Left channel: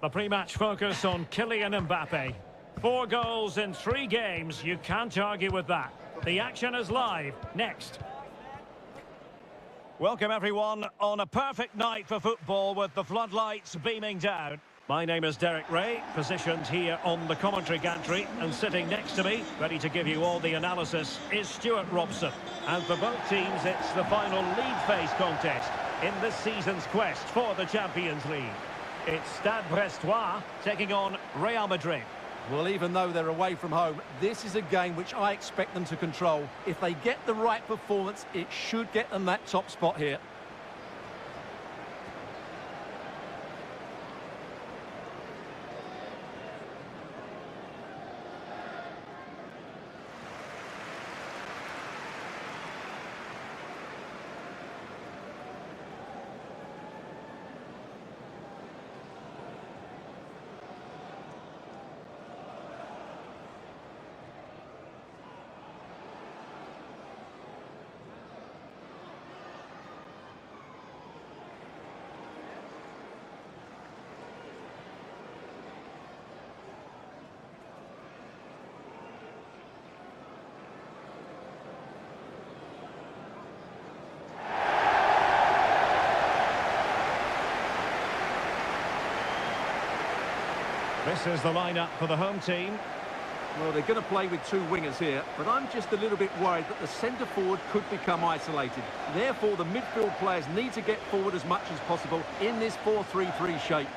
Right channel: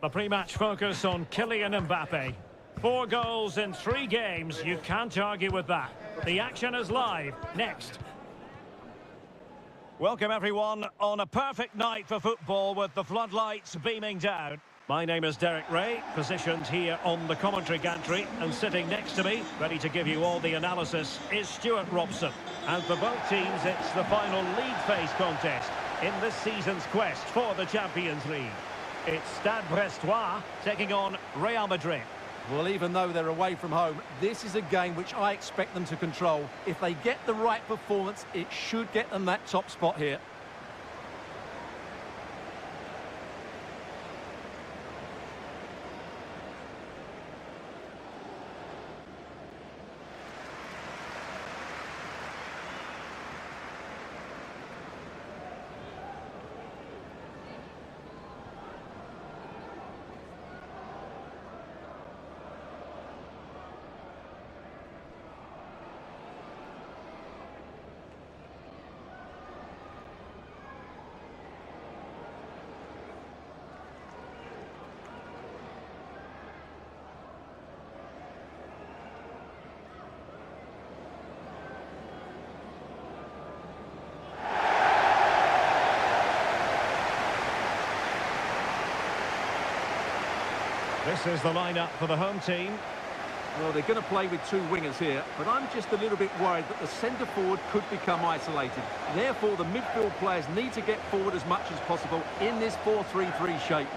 The pre-match focus on Kylian Mbappe. 4 goals in 3 games, you can't argue with that. The action is live, next. Welcome everyone on a perfect night for football with the floodlights beaming down. My name is Derek Ray, positioned here on the commentary gantry, and sitting next to me, ready to give you all the analysis, is Stuart Robson. And for both teams, it's the final league phase contest in this season's quest for the Champions League. It's Stade Brestois taking on Real Madrid. Well, even though they're away from home, this is a game which I expect them to control. If they get the right performance, it should get them that top spot here. This is the lineup for the home team. Well, they're going to play with 2 wingers here, but I'm just a little bit worried that the centre forward could become isolated. Therefore, the midfield players need to get forward as much as possible in this 4-3-3 shape.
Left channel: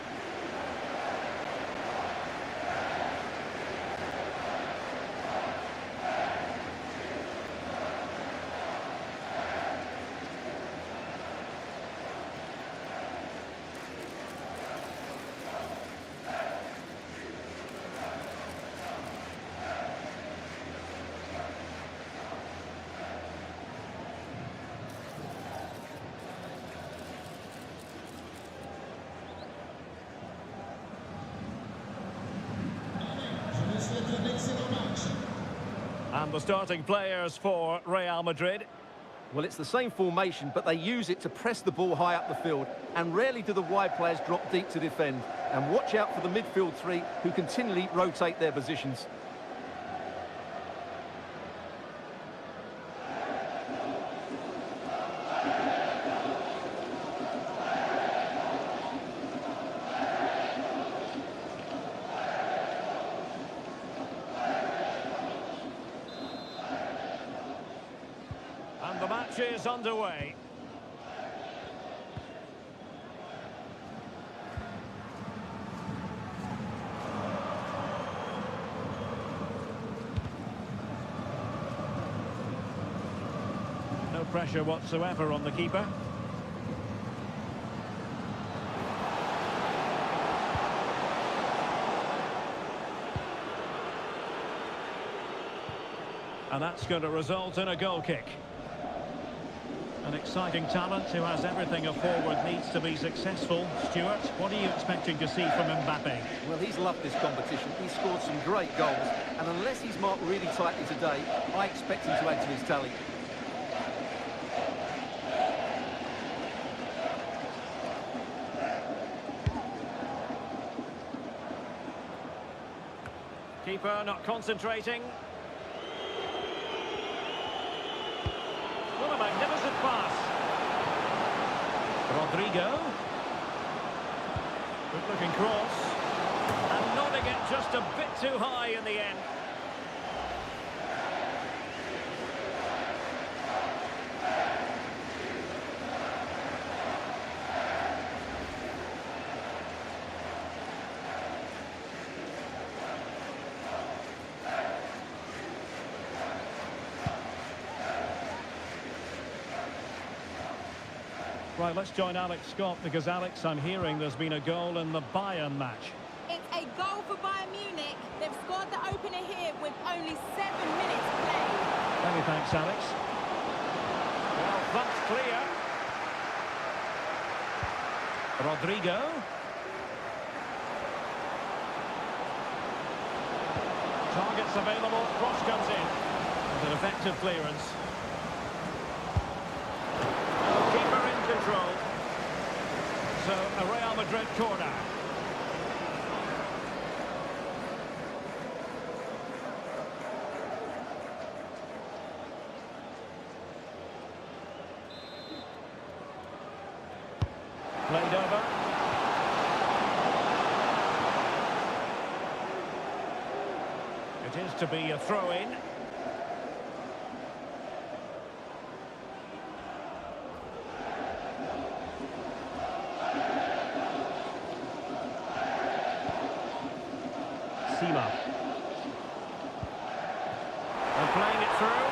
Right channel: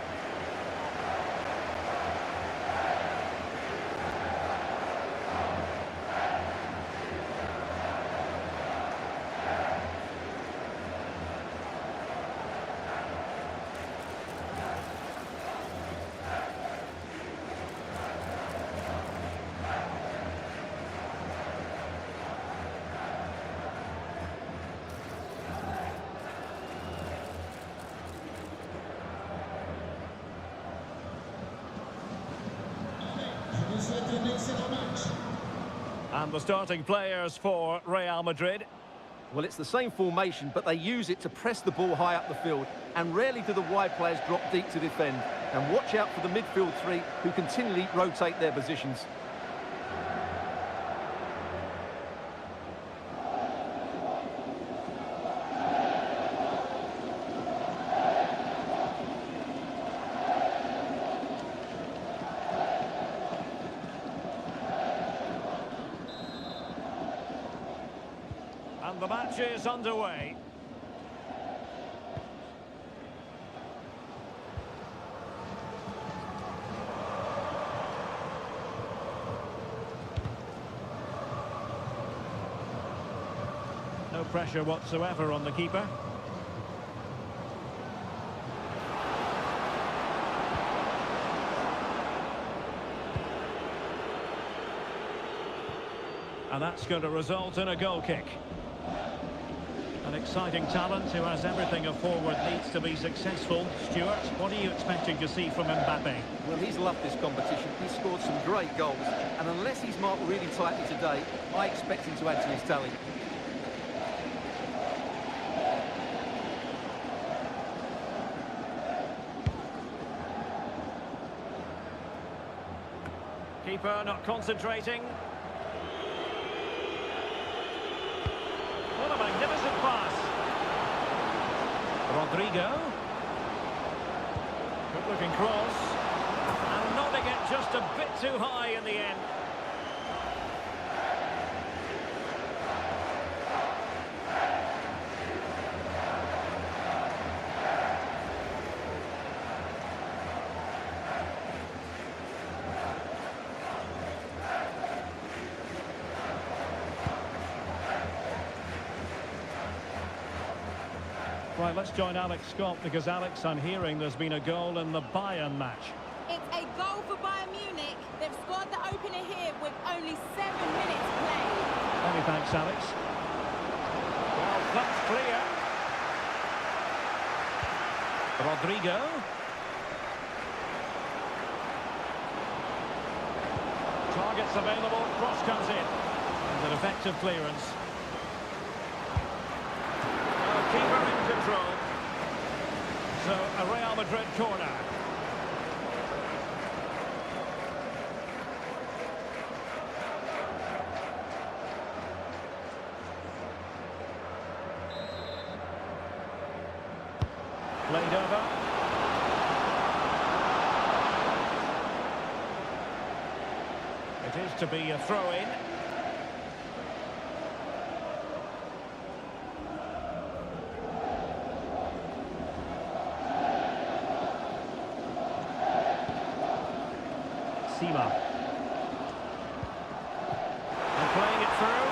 And the starting players for Real Madrid. Well, it's the same formation, but they use it to press the ball high up the field, and rarely do the wide players drop deep to defend. And watch out for the midfield 3, who continually rotate their positions. And the match is underway. No pressure whatsoever on the keeper. And that's going to result in a goal kick. An exciting talent who has everything a forward needs to be successful. Stuart, what are you expecting to see from Mbappe? Well, he's loved this competition. He's scored some great goals, and unless he's marked really tightly today, I expect him to add to his tally. Keeper not concentrating. What a magnificent pass. Rodrigo. Good looking cross. And nodding it just a bit too high in the end. Right, let's join Alex Scott, because Alex, I'm hearing there's been a goal in the Bayern match. It's a goal for Bayern Munich. They've scored the opener here with only 7 minutes played. Many thanks, Alex. Well, that's clear. Rodrigo. Targets available, cross comes in. And an effective clearance. Keeper in control. So, a Real Madrid corner. Played over. It is to be a throw-in. Sima. And playing it through.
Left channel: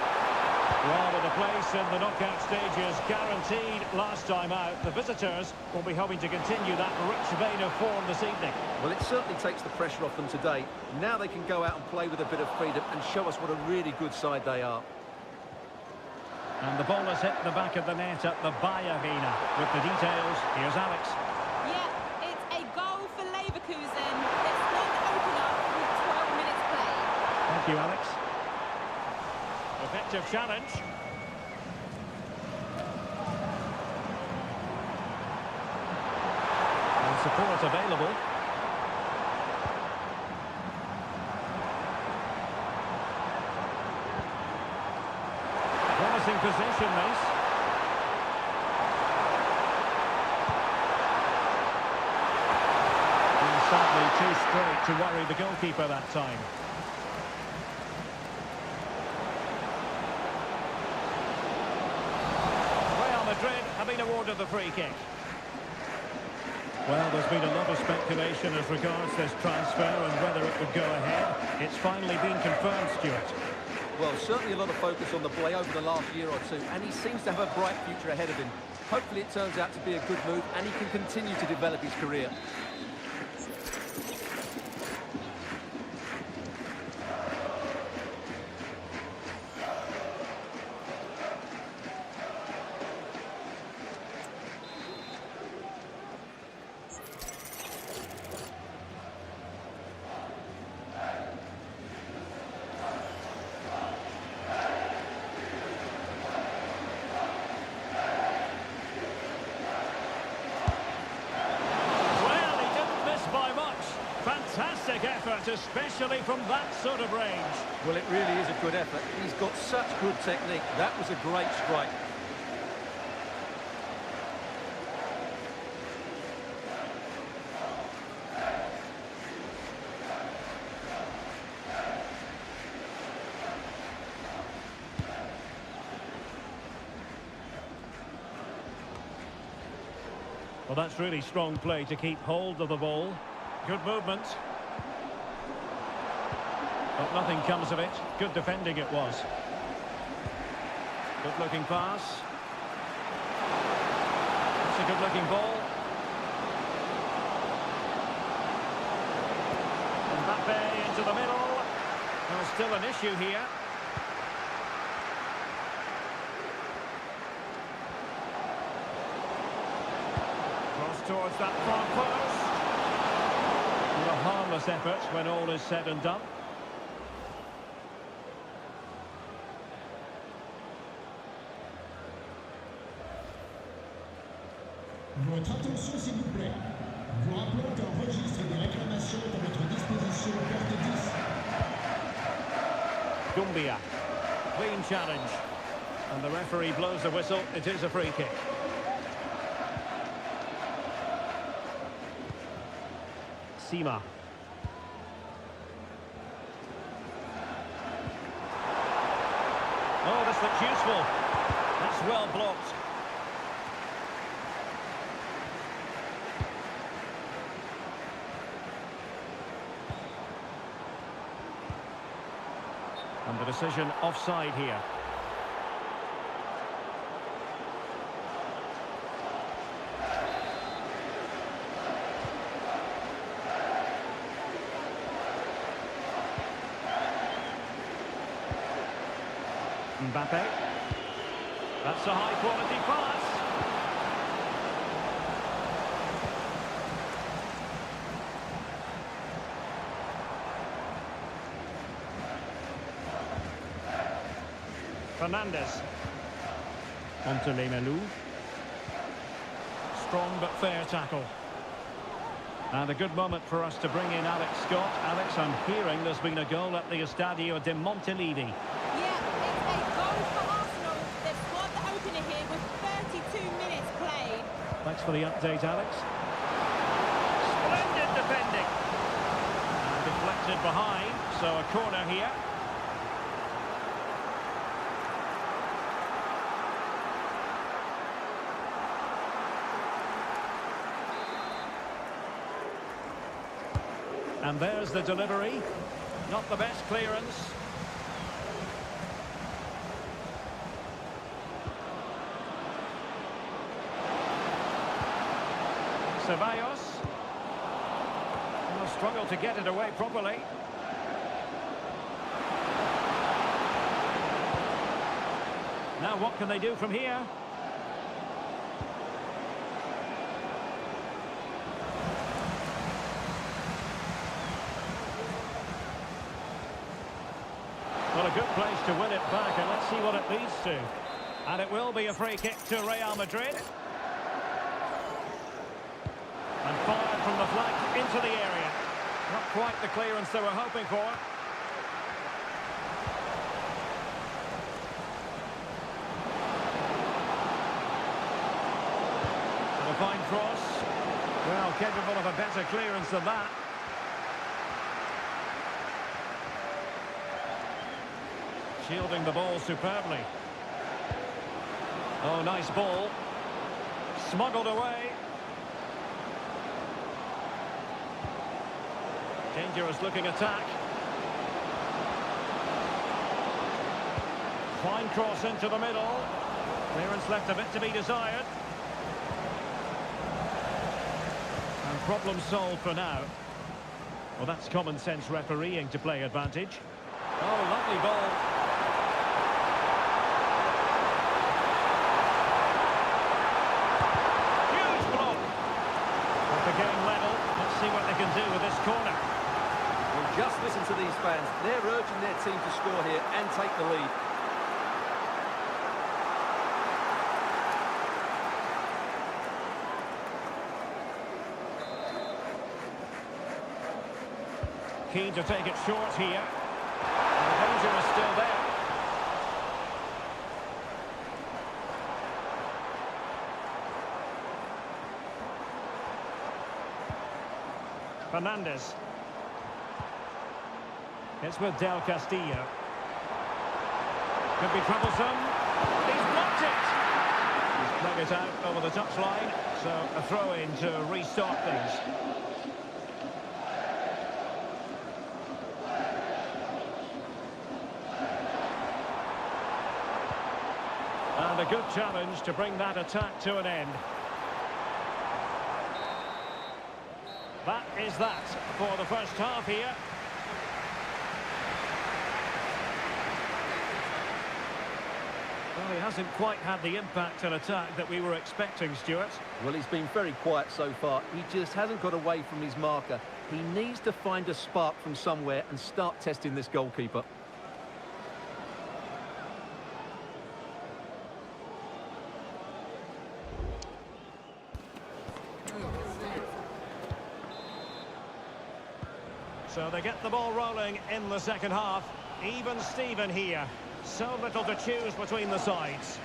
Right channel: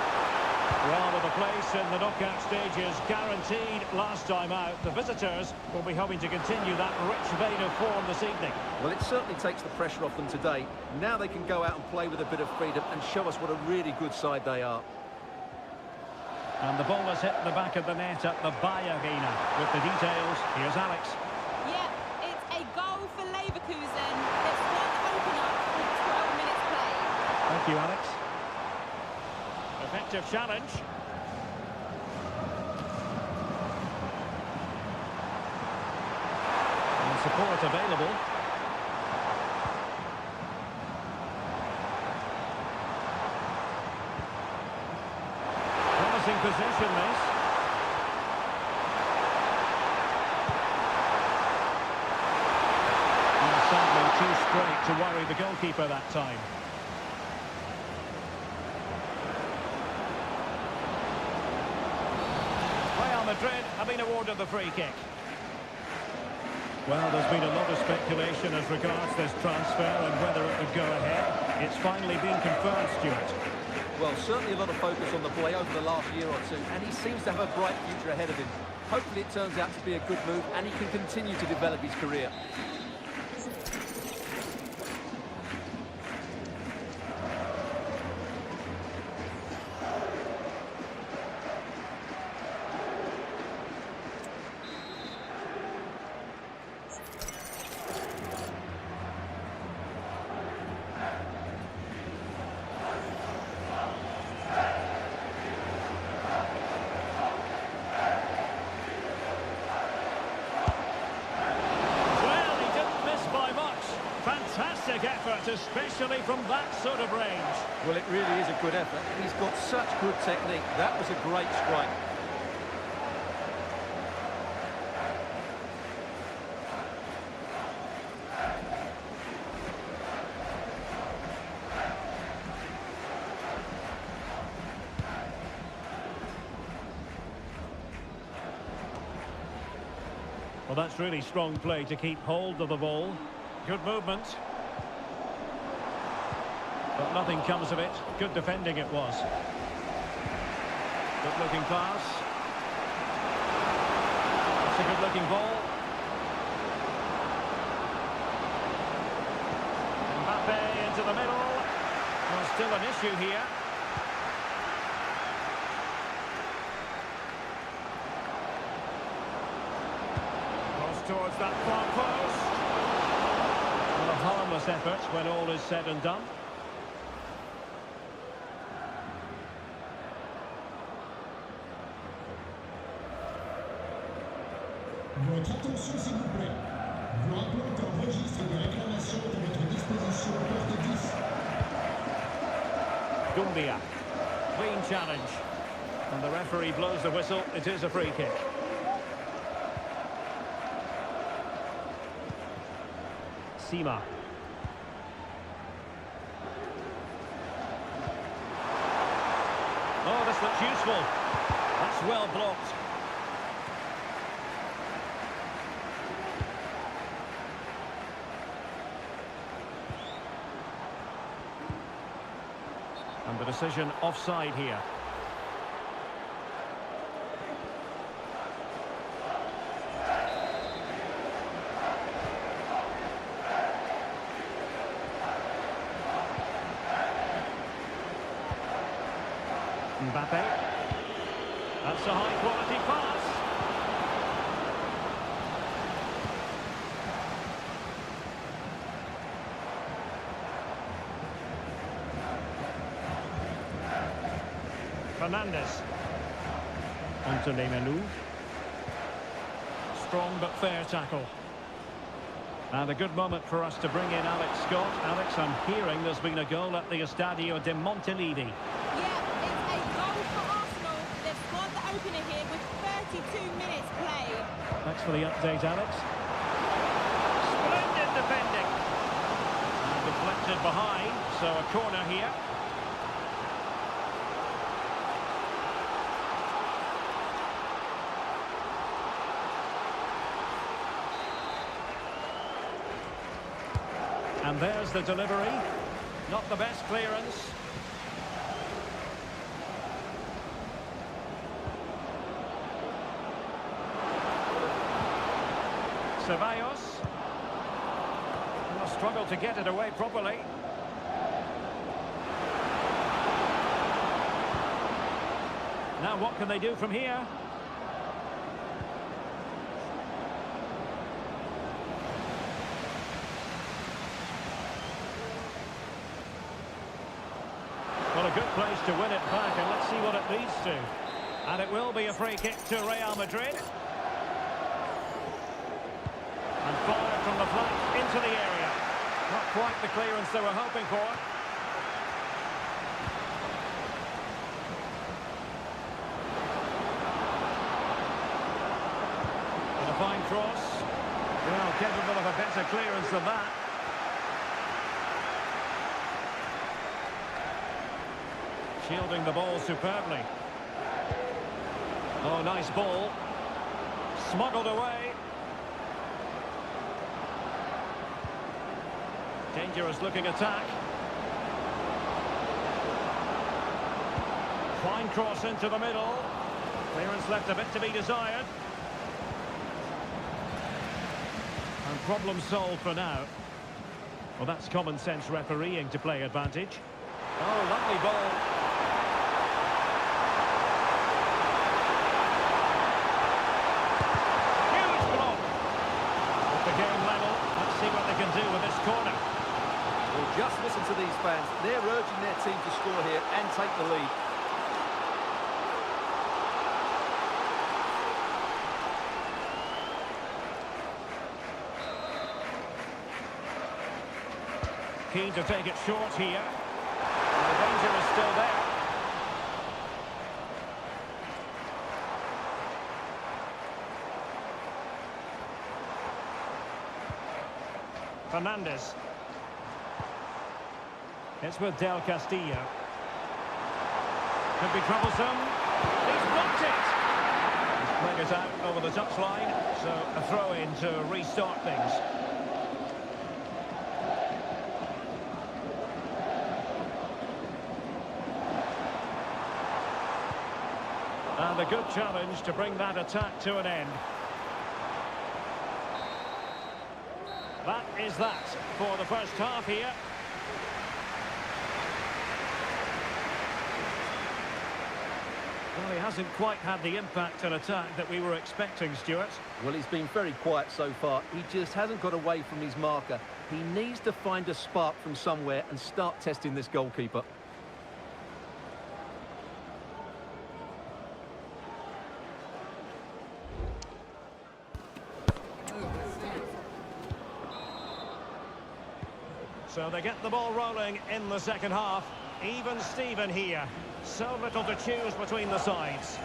Well, with a place in the knockout stages guaranteed last time out, the visitors will be hoping to continue that rich vein of form this evening. Well, it certainly takes the pressure off them today. Now they can go out and play with a bit of freedom and show us what a really good side they are. And the ball has hit the back of the net at the Arena. With the details, here's Alex. Yeah, it's a goal for Leverkusen. They've scored the opener with 12 minutes played. Thank you, Alex. Effective challenge. And support available. Promising position, this. And sadly too straight to worry the goalkeeper that time. Madrid have been awarded the free kick. Well, there's been a lot of speculation as regards this transfer and whether it would go ahead. It's finally been confirmed, Stuart. Well, certainly a lot of focus on the boy over the last year or two, and he seems to have a bright future ahead of him. Hopefully it turns out to be a good move and he can continue to develop his career. Fantastic effort, especially from that sort of range. Well, it really is a good effort. He's got such good technique. That was a great strike. Well, that's really strong play to keep hold of the ball. Good movement. But nothing comes of it. Good defending it was. Good looking pass. That's a good looking ball. Mbappe into the middle. Well, still an issue here. Cross towards that far post. Well, a harmless effort when all is said and done. Votre attention s'il vous plaît. Nous rappelons qu'un registre des réclamations est à votre disposition, porte 10. Dumbia. Clean challenge. And the referee blows the whistle. It is a free kick. Sima. Oh, this looks useful. That's well blocked. And the decision offside here. Mbappe. That's a high-quality pass. Fernandez. Onto Lemelu. Strong but fair tackle. And a good moment for us to bring in Alex Scott. Alex, I'm hearing there's been a goal at the Estadio de Montilivi. Yeah, it's a goal for Arsenal. They've scored the opener here with 32 minutes played. Thanks for the update, Alex. Splendid defending. And deflected behind, so a corner here. And there's the delivery. Not the best clearance. Ceballos. Will struggle to get it away properly. Now what can they do from here? Well, a good place to win it back, and let's see what it leads to. And it will be a free kick to Real Madrid. And fired from the flank into the area. Not quite the clearance they were hoping for. And a fine cross. Well, capable of a better clearance than that. Shielding the ball superbly. Oh, nice ball. Smuggled away. Dangerous looking attack. Fine cross into the middle. Clearance left a bit to be desired. And problem solved for now. Well, that's common sense refereeing to play advantage. Oh, lovely ball. The game level. Let's see what they can do with this corner. Well, just listen to these fans. They're urging their team to score here and take the lead. Keen to take it short here. And the danger is still there. Fernandez. It's with Del Castillo. Could be troublesome. He's blocked it. He's playing it out over the touchline. So a throw in to restart things. And a good challenge to bring that attack to an end. That is that for the first half here. Well, he hasn't quite had the impact and attack that we were expecting, Stuart. Well, he's been very quiet so far. He just hasn't got away from his marker. He needs to find a spark from somewhere and start testing this goalkeeper. So they get the ball rolling in the second half. Even Steven here. So little to choose between the sides.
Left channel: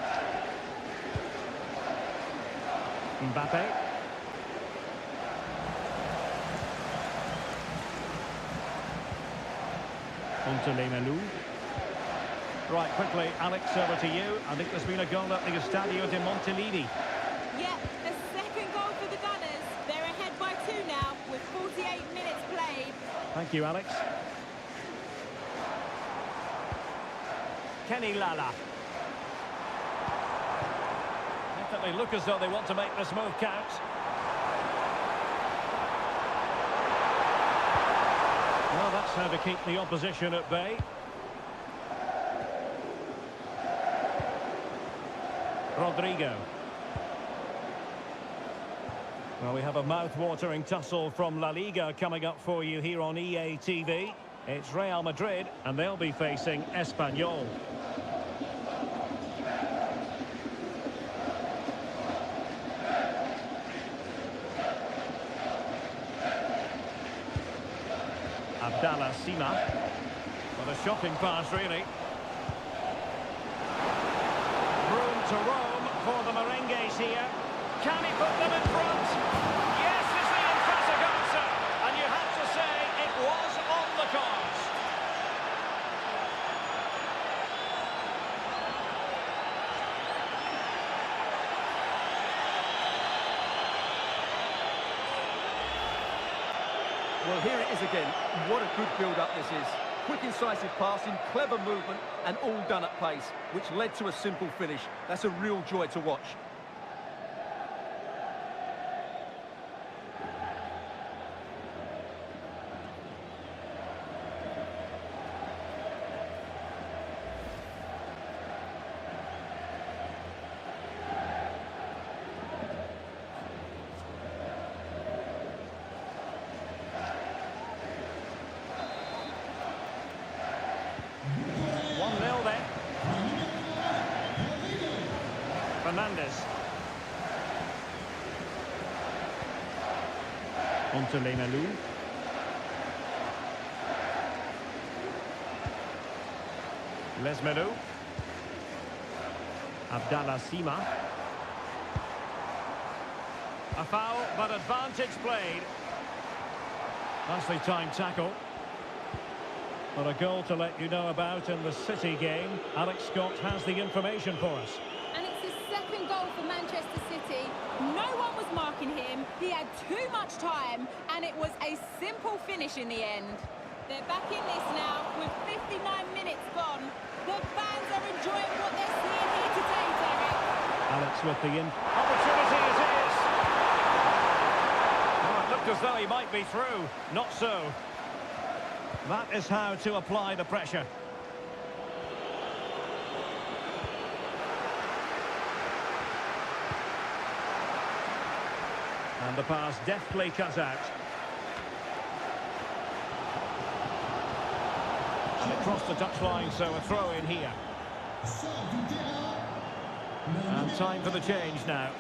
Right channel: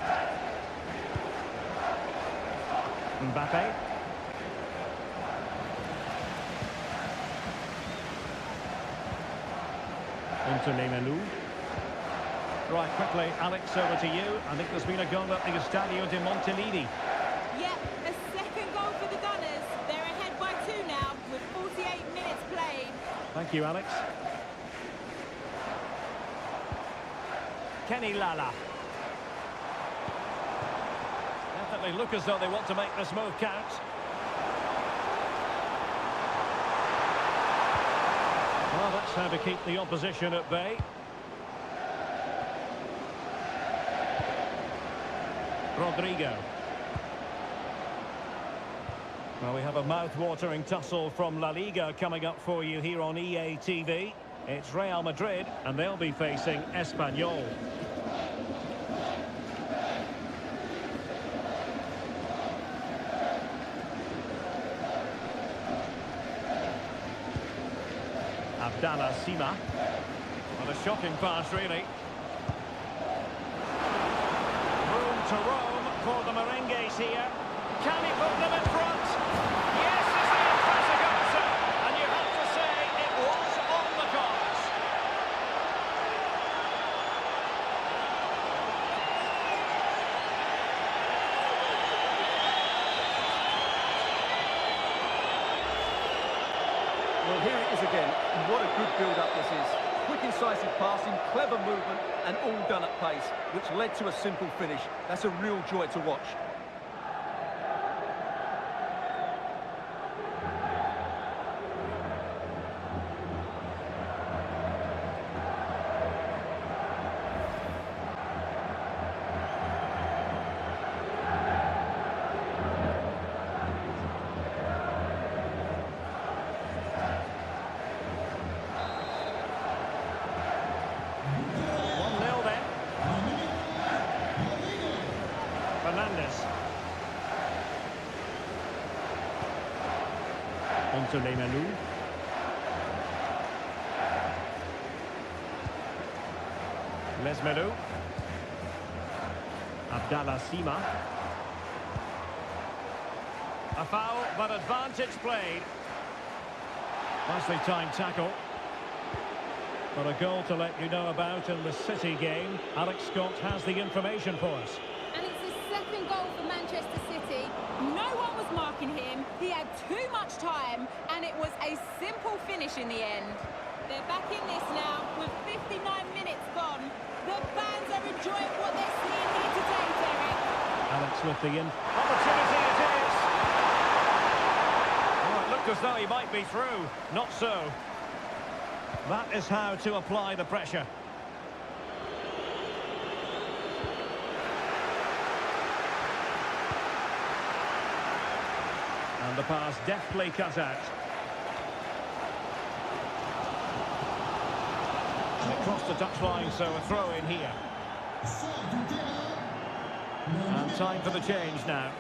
Mbappe. Onto Right, quickly, Alex, over to you. I think there's been a goal at the Estadio de Montilivi. Yep, a second goal for the Gunners. They're ahead by 2 now, with 48 minutes played. Thank you, Alex. Kenny Lala. Definitely look as though they want to make this move count. Well, that's how to keep the opposition at bay. Rodrigo. Well, we have a mouth-watering tussle from La Liga coming up for you here on EA TV. It's Real Madrid, and they'll be facing Espanyol. Abdallah Sima. What a shocking pass, really. Room to roam for the Merengues here. Can he put them in front? Yes is the emphatic answer. And you have to say it was on the cards. Well, here it is again. What a good build-up this is. Quick, incisive passing, clever movement, and all done at pace, which led to a simple finish. That's a real joy to watch. Fernandez. Onto Lemelou. Lesmelou. Abdallah Sima. A foul, but advantage played. Nicely timed tackle. But a goal to let you know about in the City game. Alex Scott has the information for us. And it's his second goal for Manchester City. No one was marking him. He had too much time, and it was a simple finish in the end. They're back in this now with 59 minutes gone. The fans are enjoying what they're seeing here today, Derek. Alex with the opportunity it is. Oh, it looked as though he might be through. Not so. That is how to apply the pressure. And the pass deftly cut out. And it crossed the touchline, so a throw in here. And time for the change now.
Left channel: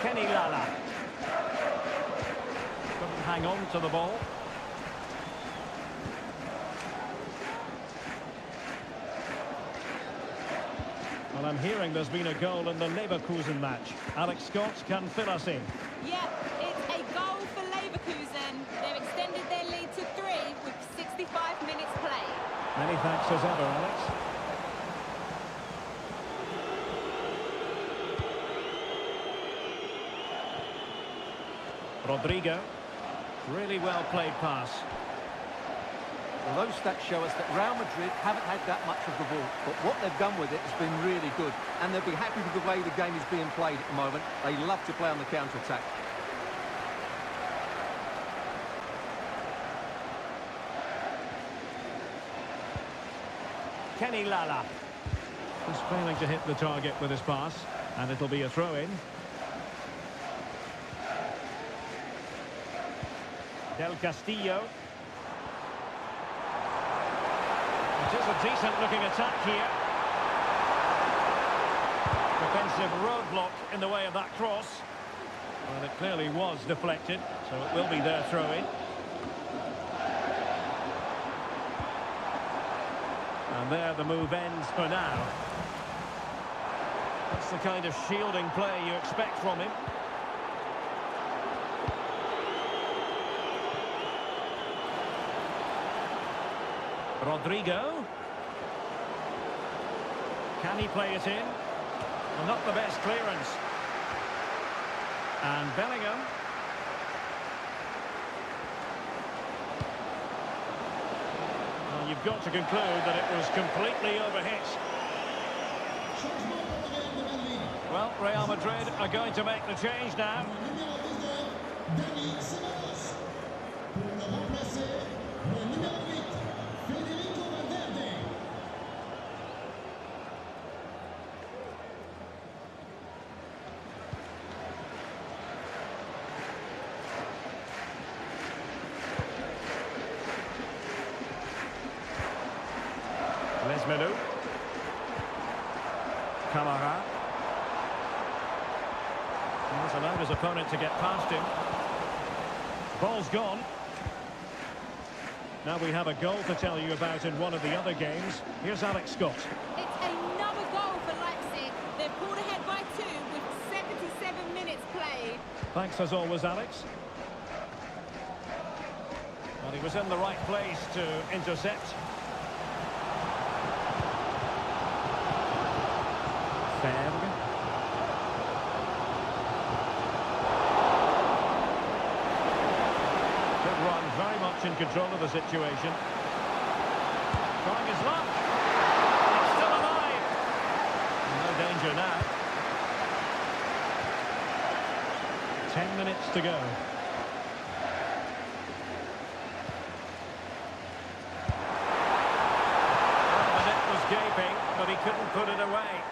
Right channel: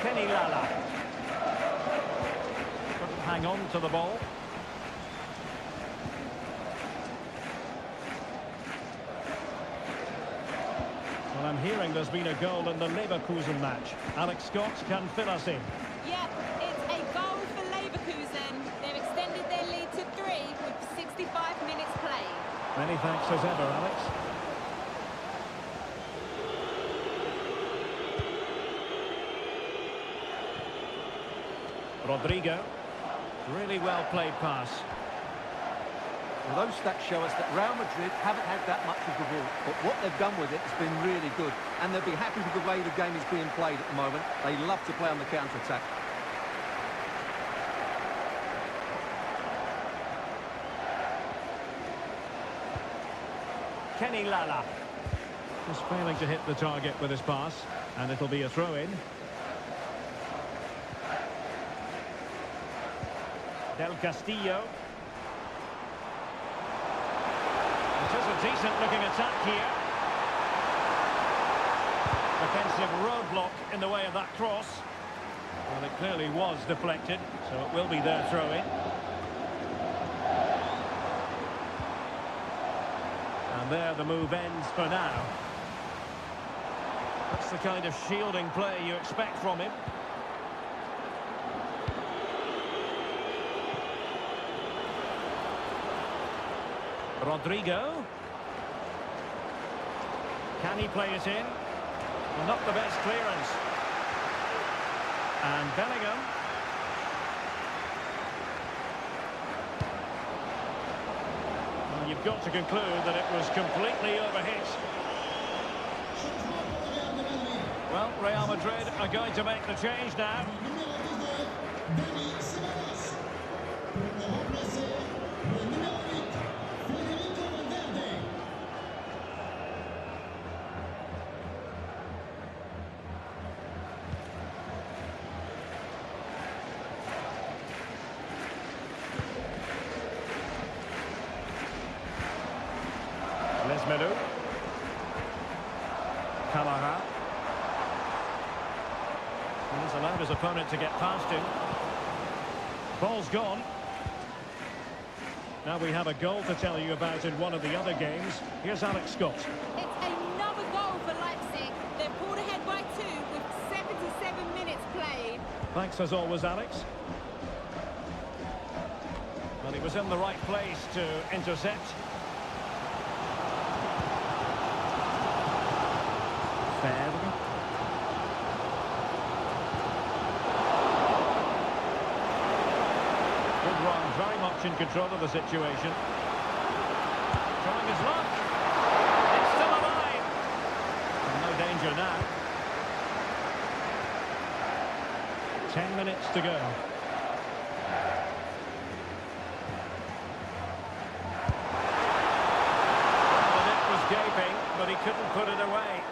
Kenny Lala. Couldn't hang on to the ball. Well, I'm hearing there's been a goal in the Leverkusen match. Alex Scott can fill us in. Yeah, it's a goal for Leverkusen. They've extended their lead to 3 with 65 minutes played. Many thanks as ever, Alex. Rodrigo. Really well played pass. Well, those stats show us that Real Madrid haven't had that much of the ball, but what they've done with it has been really good, and they'll be happy with the way the game is being played at the moment. They love to play on the counter-attack. Kenny Lala. Just failing to hit the target with his pass, and it'll be a throw-in. Del Castillo. It is a decent-looking attack here. Defensive roadblock in the way of that cross. Well, it clearly was deflected, so it will be their throw-in. And there the move ends for now. That's the kind of shielding play you expect from him. Rodrigo. Can he play it in? Well, not the best clearance. And Bellingham. Well, you've got to conclude that it was completely overhit. Well, Real Madrid are going to make the change now. Lesmelou. Camara. He's allowed his opponent to get past him. Ball's gone. Now we have a goal to tell you about in one of the other games. Here's Alex Scott. It's another goal for Leipzig. They've pulled ahead by 2 with 77 minutes played. Thanks as always, Alex. Well, he was in the right place to intercept. FIFER. Good run, very much in control of the situation. Trying his luck. It's still alive. No danger now. 10 minutes to go. Well, the net was gaping, but he couldn't put it away.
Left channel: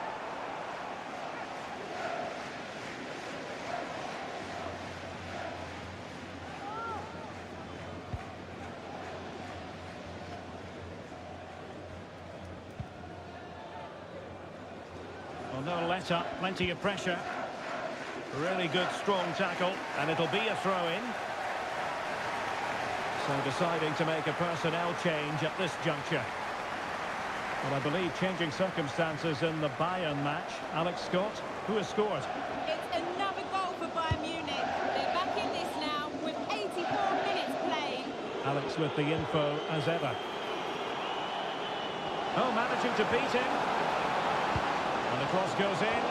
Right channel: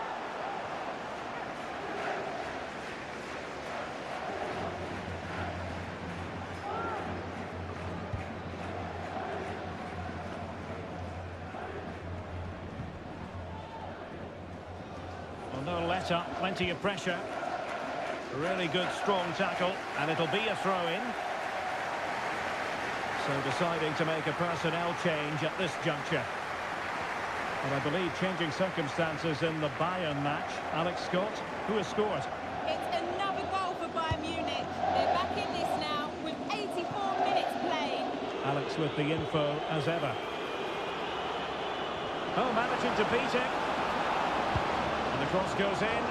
Well, no let-up, plenty of pressure. Really good, strong tackle, and it'll be a throw-in. So deciding to make a personnel change at this juncture. Well, I believe changing circumstances in the Bayern match. Alex Scott, who has scored? It's another goal for Bayern Munich. They're back in this now with 84 minutes played. Alex with the info as ever. Oh, managing to beat him. And the cross goes in.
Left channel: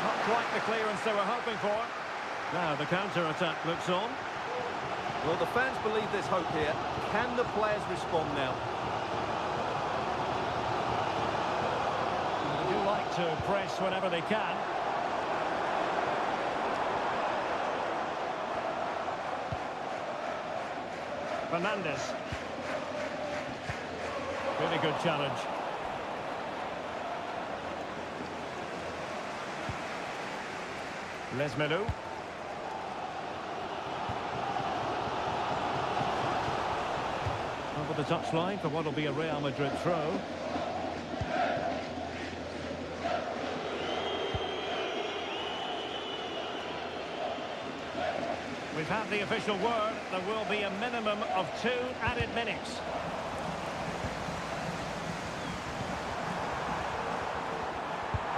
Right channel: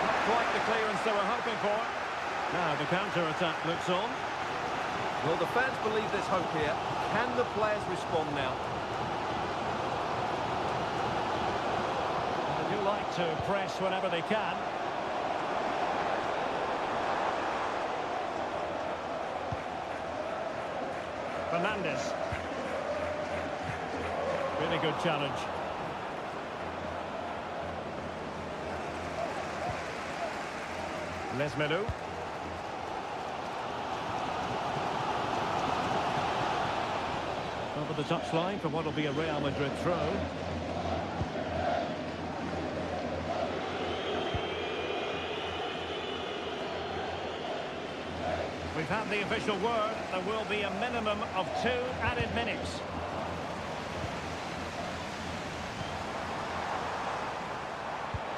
Not quite the clearance they were hoping for. Now the counter-attack looks on. Well, the fans believe there's hope here. Can the players respond now? They do like to press whenever they can. Fernandes. Really good challenge. Lesmelu. Over the touchline for what will be a Real Madrid throw. We've had the official word. There will be a minimum of 2 added minutes.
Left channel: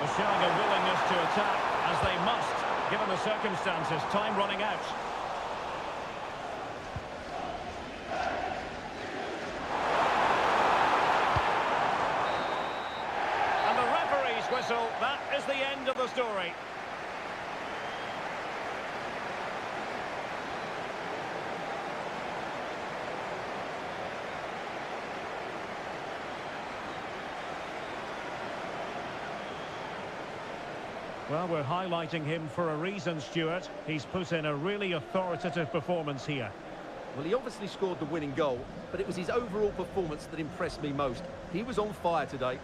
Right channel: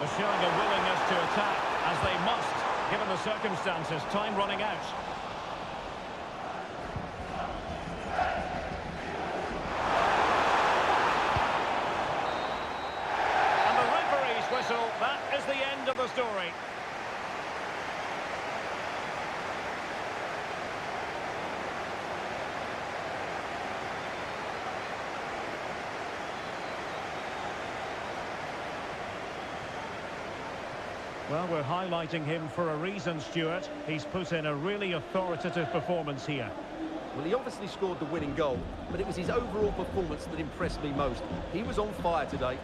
They're showing a willingness to attack, as they must, given the circumstances. Time running out. And the referee's whistle. That is the end of the story. Well, we're highlighting him for a reason, Stuart. He's put in a really authoritative performance here. Well, he obviously scored the winning goal, but it was his overall performance that impressed me most. He was on fire today.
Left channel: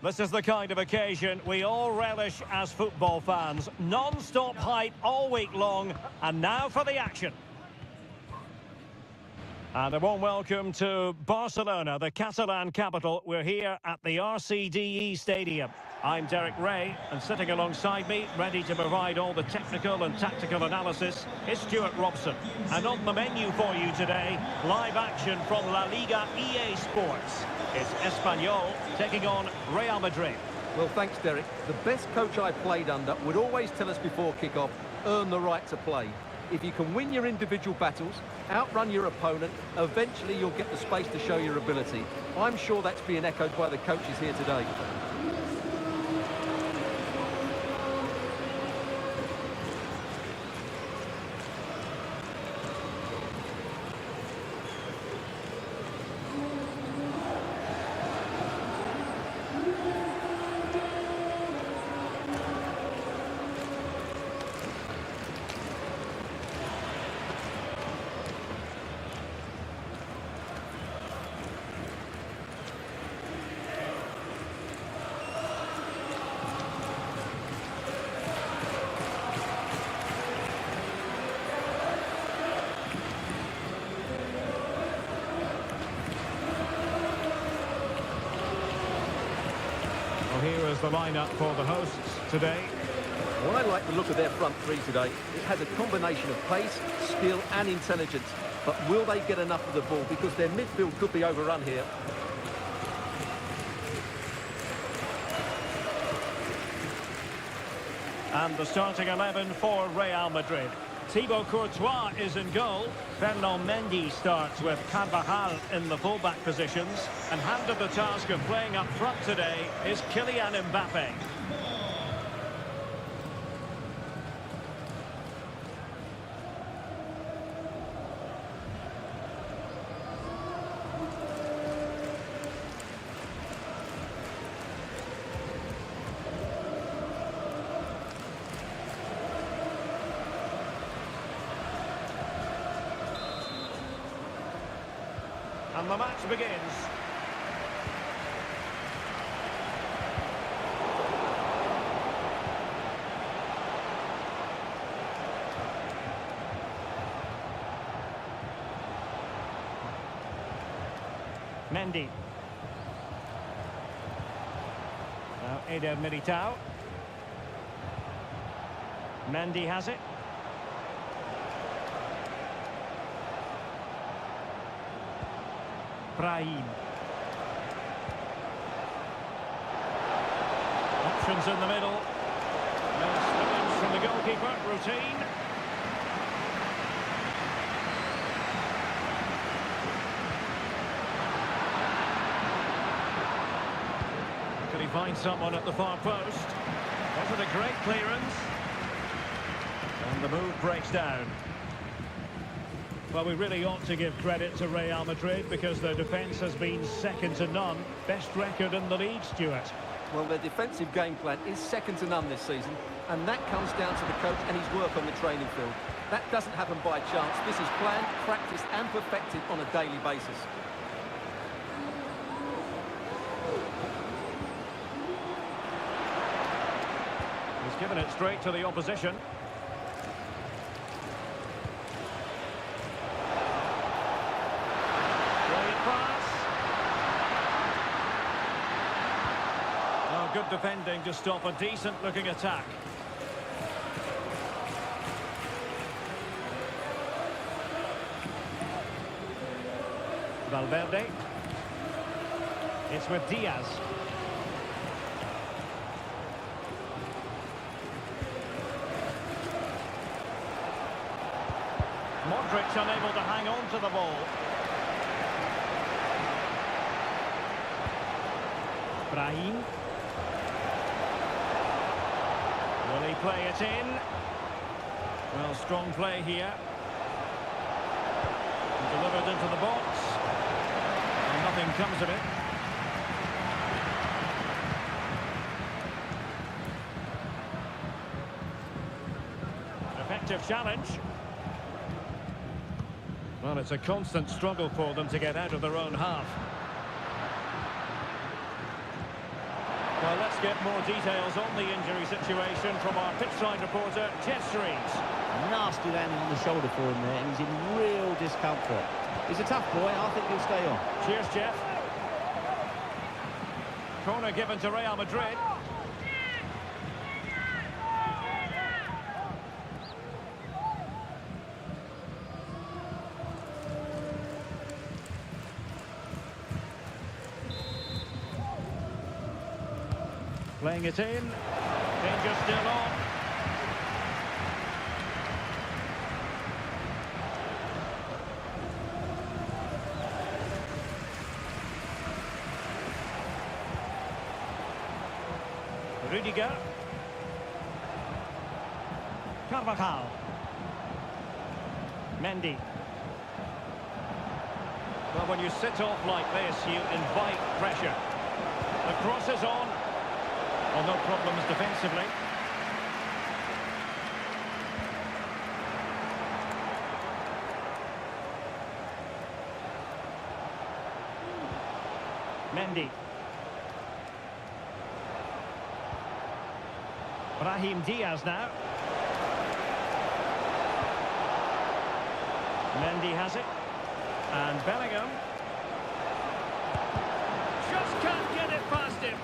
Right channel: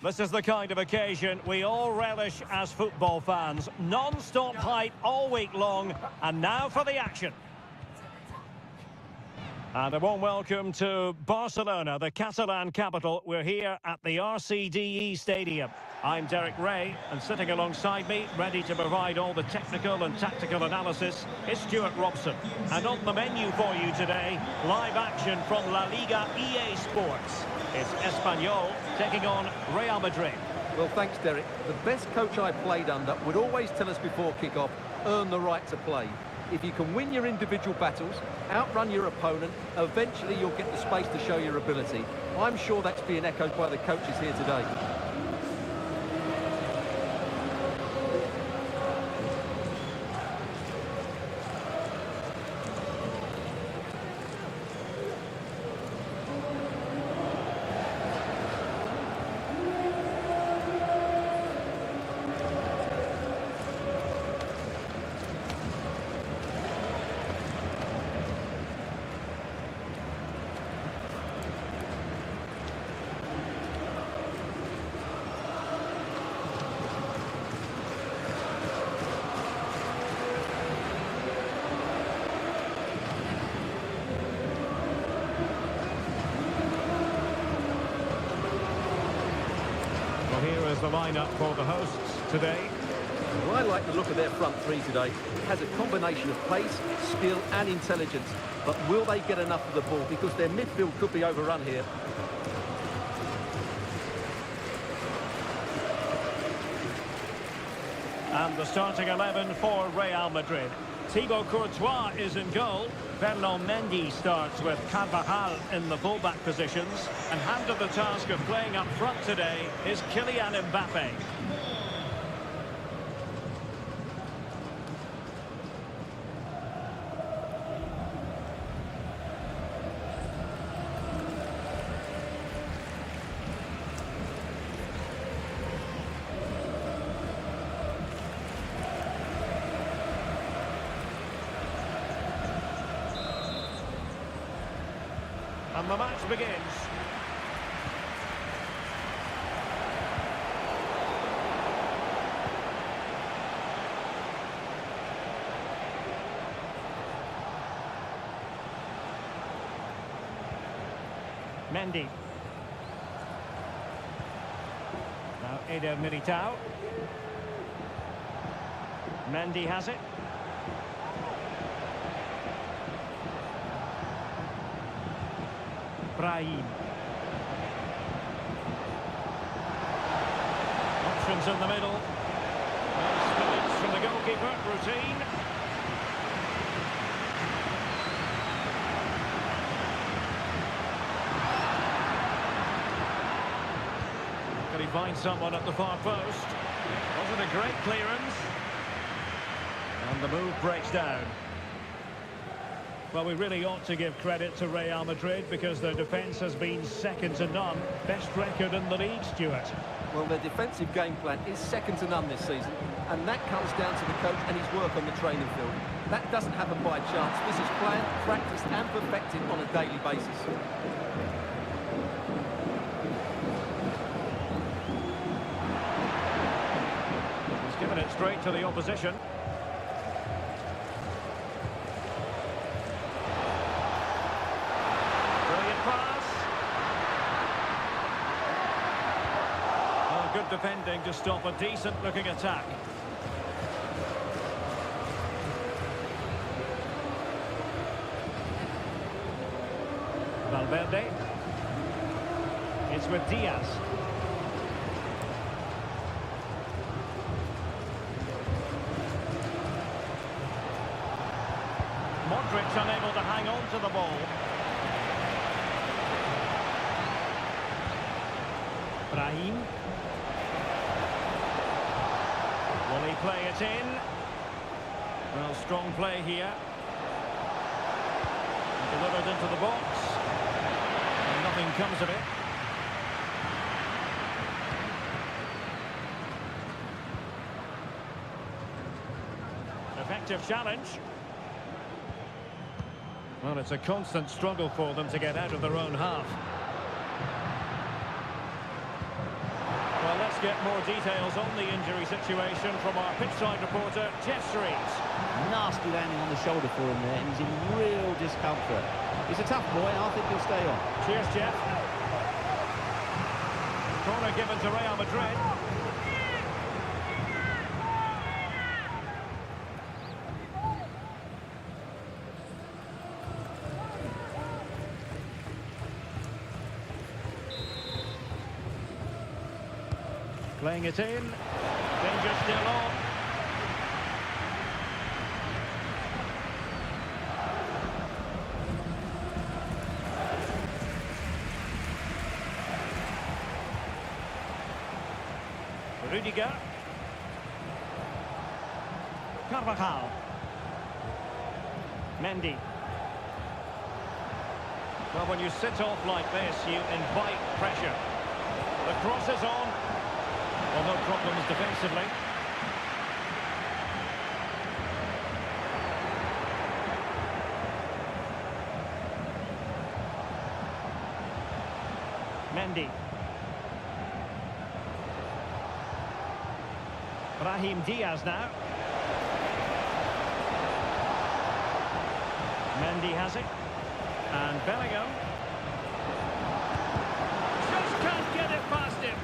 This is the kind of occasion we all relish as football fans. Non-stop hype all week long, and now for the action. And a warm welcome to Barcelona, the Catalan capital. We're here at the RCDE Stadium. I'm Derek Ray, and sitting alongside me, ready to provide all the technical and tactical analysis, is Stuart Robson. And on the menu for you today, live action from La Liga EA Sports. It's Espanyol taking on Real Madrid. Well, thanks, Derek. The best coach I played under would always tell us before kick-off, earn the right to play. If you can win your individual battles, outrun your opponent, eventually you'll get the space to show your ability. I'm sure that's being echoed by the coaches here today. Well, here is the lineup for the hosts today. Well, I like the look of their front three today. It has a combination of pace, skill and intelligence. But will they get enough of the ball? Because their midfield could be overrun here. And the starting 11 for Real Madrid. Thibaut Courtois is in goal. Ferland Mendy starts with Carvajal in the fullback positions. And handed the task of playing up front today is Kylian Mbappe. And the match begins. Mendy. Now Eder Militao. Mendy has it. Brahim. Options in the middle. No spillage from the goalkeeper. Routine. Could he find someone at the far post? Was it a great clearance? And the move breaks down. Well, we really ought to give credit to Real Madrid because their defence has been second to none. Best record in the league, Stuart. Well, their defensive game plan is second to none this season, and that comes down to the coach and his work on the training field. That doesn't happen by chance. This is planned, practiced and perfected on a daily basis. He's given it straight to the opposition. Brilliant pass. Oh, good defending to stop a decent-looking attack. Valverde. It's with Diaz. Modric unable to hang on to the ball. Brahim. Will he play it in? Well, strong play here. Delivered into the box. And nothing comes of it. Effective challenge. Well, it's a constant struggle for them to get out of their own half. Well, let's get more details on the injury situation from our pitchside reporter, Jeff Streets. Nasty landing on the shoulder for him there, and he's in real discomfort. He's a tough boy, I think he'll stay on. Cheers, Jeff. Corner given to Real Madrid. Playing it in. Danger still on. Rudiger. Carvajal. Mendy. Well, when you sit off like this, you invite pressure. The cross is on. Well, no problems defensively. Mendy. Brahim Diaz now. Mendy has it. And Bellingham. Just can't get it past him.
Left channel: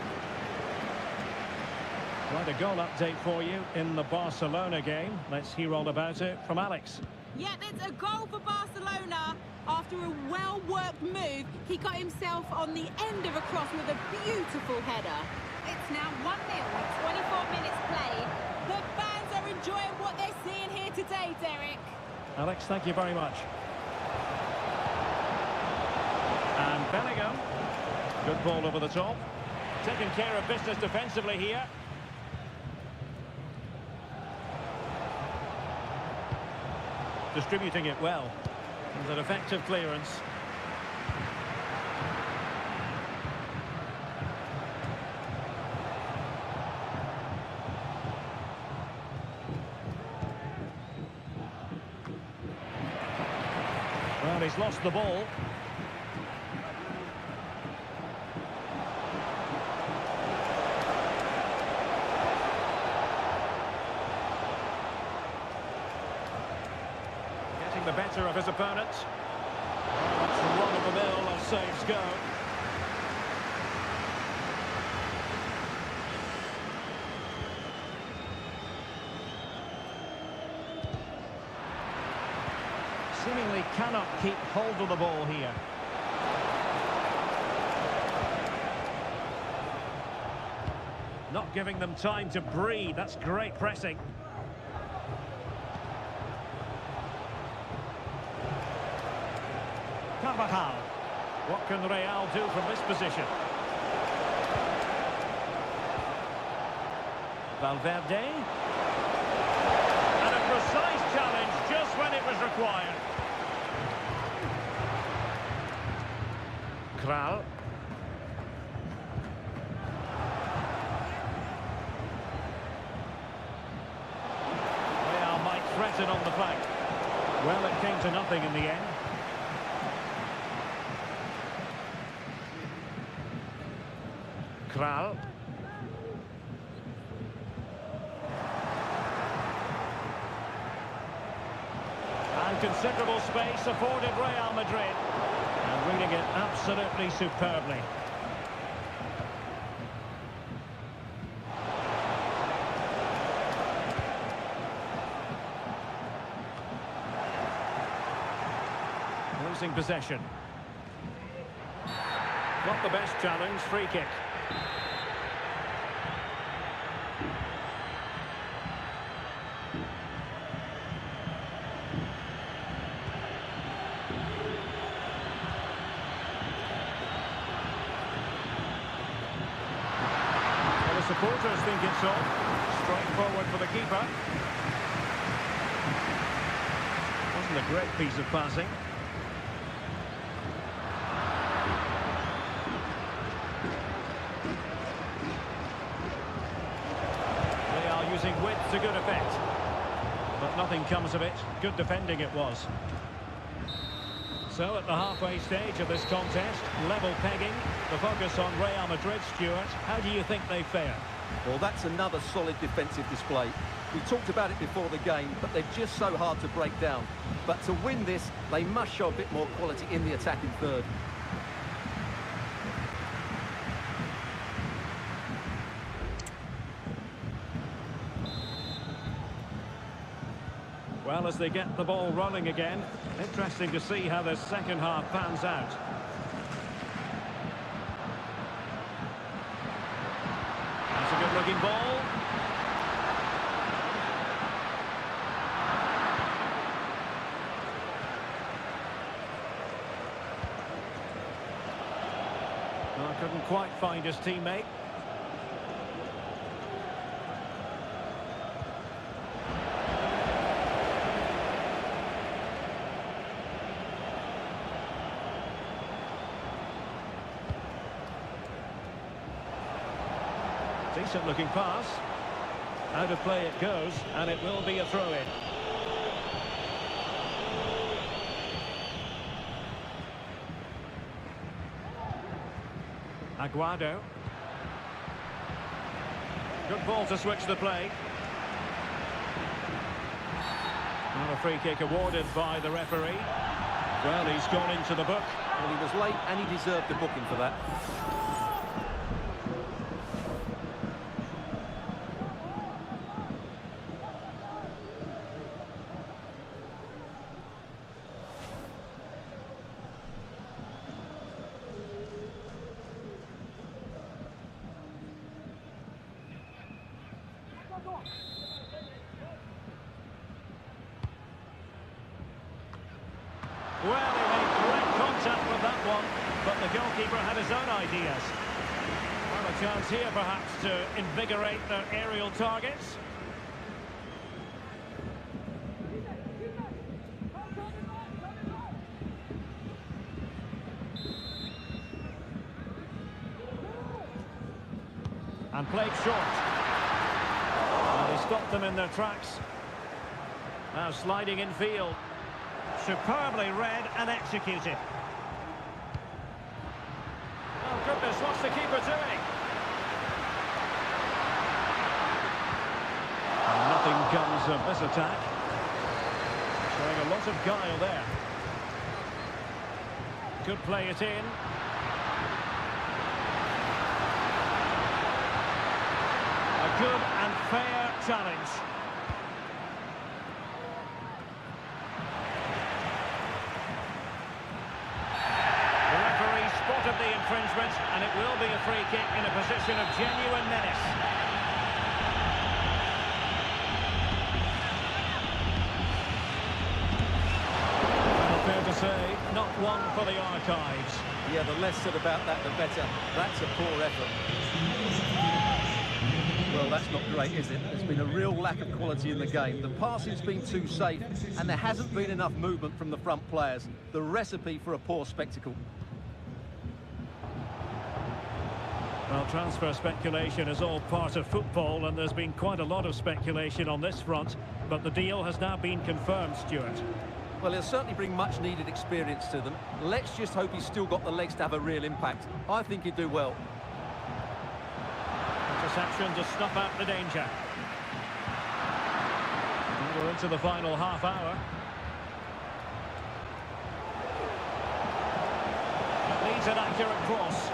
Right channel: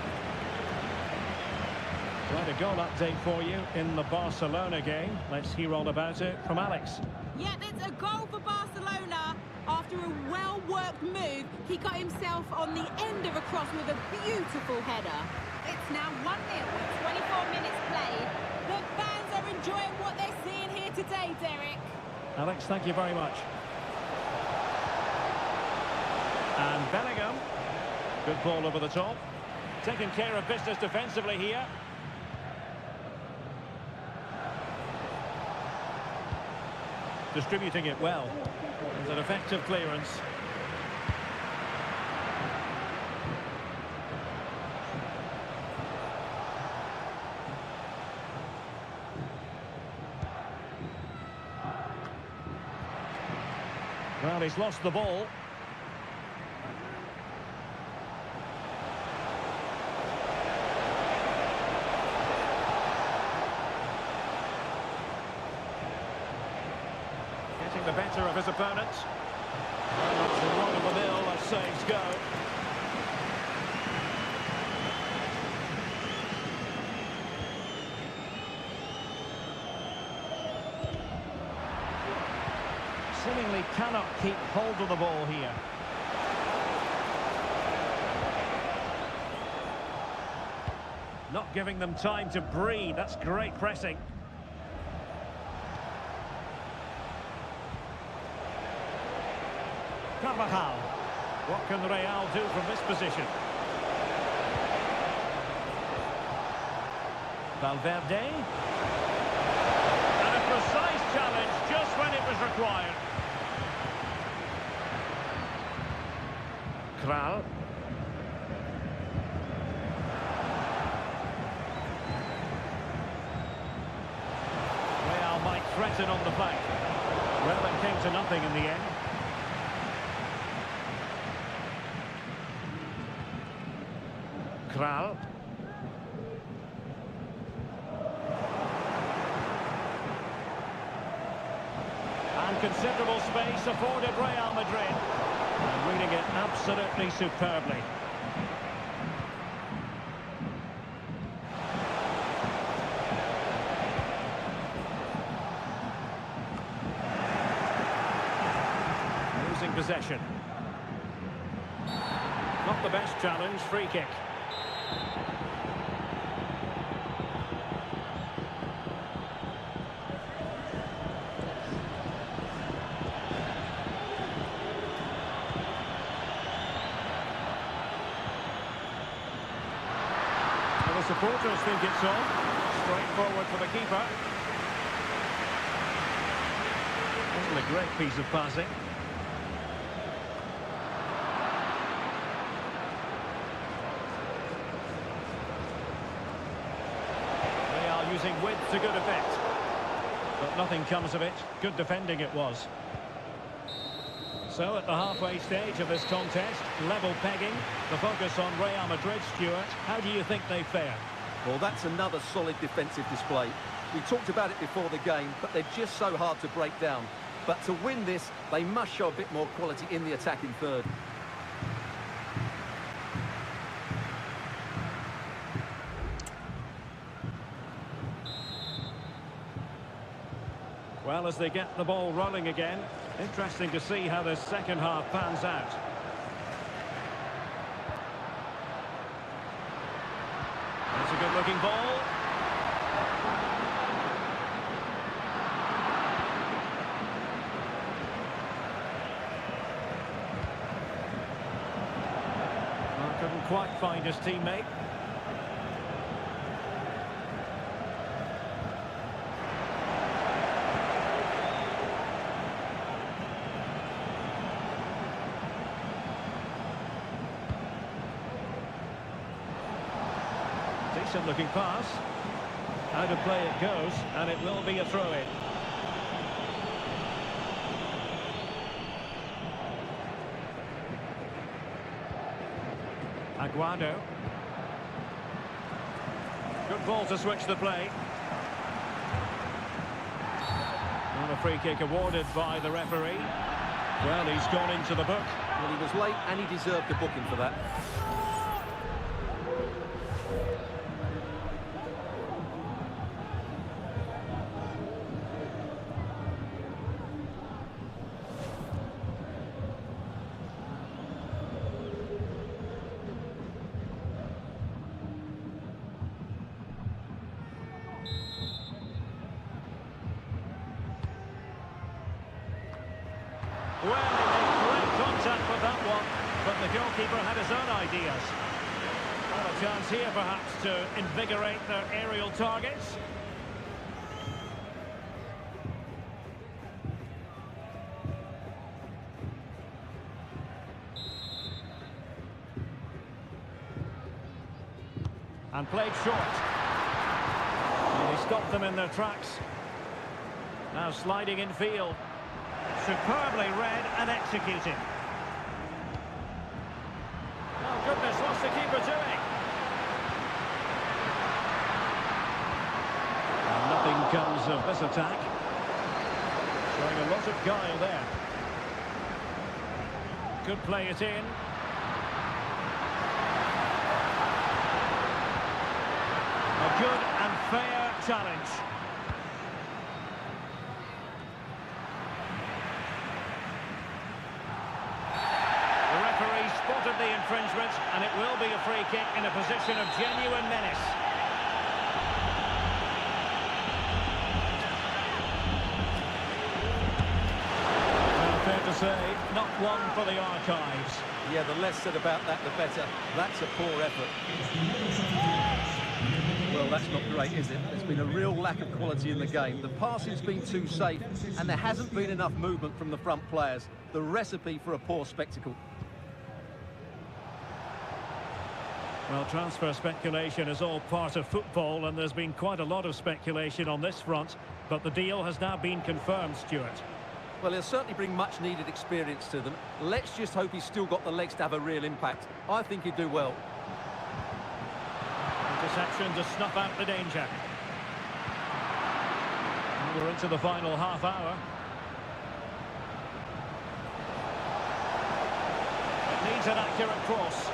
Right, a goal update for you in the Barcelona game. Let's hear all about it from Alex. Yeah, it's a goal for Barcelona. After a well-worked move, he got himself on the end of a cross with a beautiful header. It's now 1-0 with 24 minutes played. The fans are enjoying what they're seeing here today, Derek. Alex, thank you very much. And Bellingham. Good ball over the top. Taking care of business defensively here. Distributing it well. It's an effective clearance. Well, he's lost the ball. Getting the better of his opponent. Very much run-of-the-mill as saves go. Seemingly cannot keep hold of the ball here. Not giving them time to breathe. That's great pressing. Carvajal. What can Real do from this position? Valverde. And a precise challenge just when it was required. Kral. Real might threaten on the flank. Well, it came to nothing in the end. Kral. And considerable space afforded Real Madrid. And reading it absolutely superbly. Losing possession. Not the best challenge, free kick. The supporters think it's on. Straight forward for the keeper. Wasn't a great piece of passing. They are using width to good effect. But nothing comes of it. Good defending it was. So at the halfway stage of this contest, level pegging, the focus on Real Madrid, Stuart. How do you think they fared? Well, that's another solid defensive display. We talked about it before the game, but they're just so hard to break down. But to win this, they must show a bit more quality in the attacking third. Well, as they get the ball rolling again, interesting to see how the second half pans out. That's a good-looking ball. Oh, couldn't quite find his teammate. Decent looking pass. Out of play it goes, and it will be a throw-in. Aguado. Good ball to switch the play. Not a free kick awarded by the referee. Well, he's gone into the book. Well, he was late and he deserved a booking for that. Well, he made great contact with that one, but the goalkeeper had his own ideas. Well, a chance here perhaps to invigorate their aerial targets. And played short. And he stopped them in their tracks. Now sliding in field. Superbly read and executed. Oh goodness, what's the keeper doing? And nothing comes of this attack. Showing a lot of guile there. Could play it in. A good and fair challenge. The referee spotted the infringement, and it will be a free kick in a position of genuine menace. Well, fair to say, not one for the archives. Yeah, the less said about that, the better. That's a poor effort. Well, that's not great, is it? There's been a real lack of quality in the game. The passing's been too safe, and there hasn't been enough movement from the front players. The recipe for a poor spectacle. Well, transfer speculation is all part of football, and there's been quite a lot of speculation on this front, but the deal has now been confirmed, Stuart. Well, he'll certainly bring much-needed experience to them. Let's just hope he's still got the legs to have a real impact. I think he'd do well. Interception to snuff out the danger. Well, we're into the final half hour. It needs an accurate cross.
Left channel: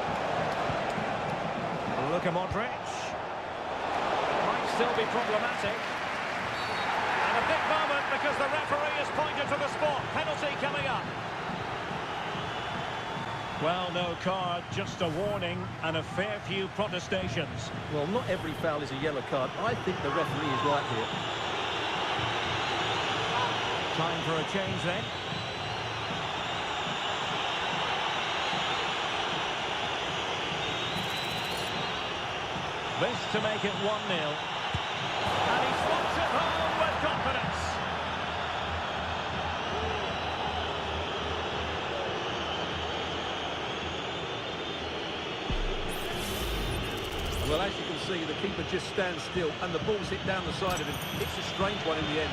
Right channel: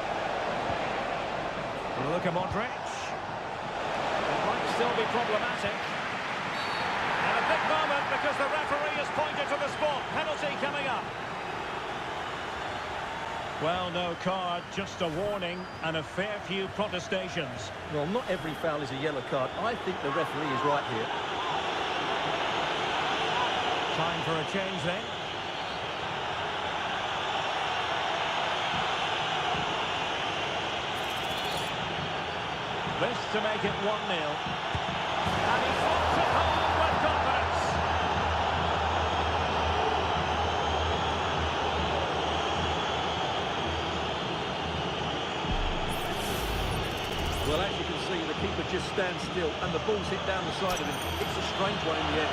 Look at Madrid. It might still be problematic. And a big moment because the referee has pointed to the spot. Penalty coming up. Well, no card, just a warning and a fair few protestations. Well, not every foul is a yellow card. I think the referee is right here. Time for a change then. This to make it 1-0. And he slots it home with confidence. Well, as you can see, the keeper just stands still and the ball's hit down the side of him. It's a strange one in the end.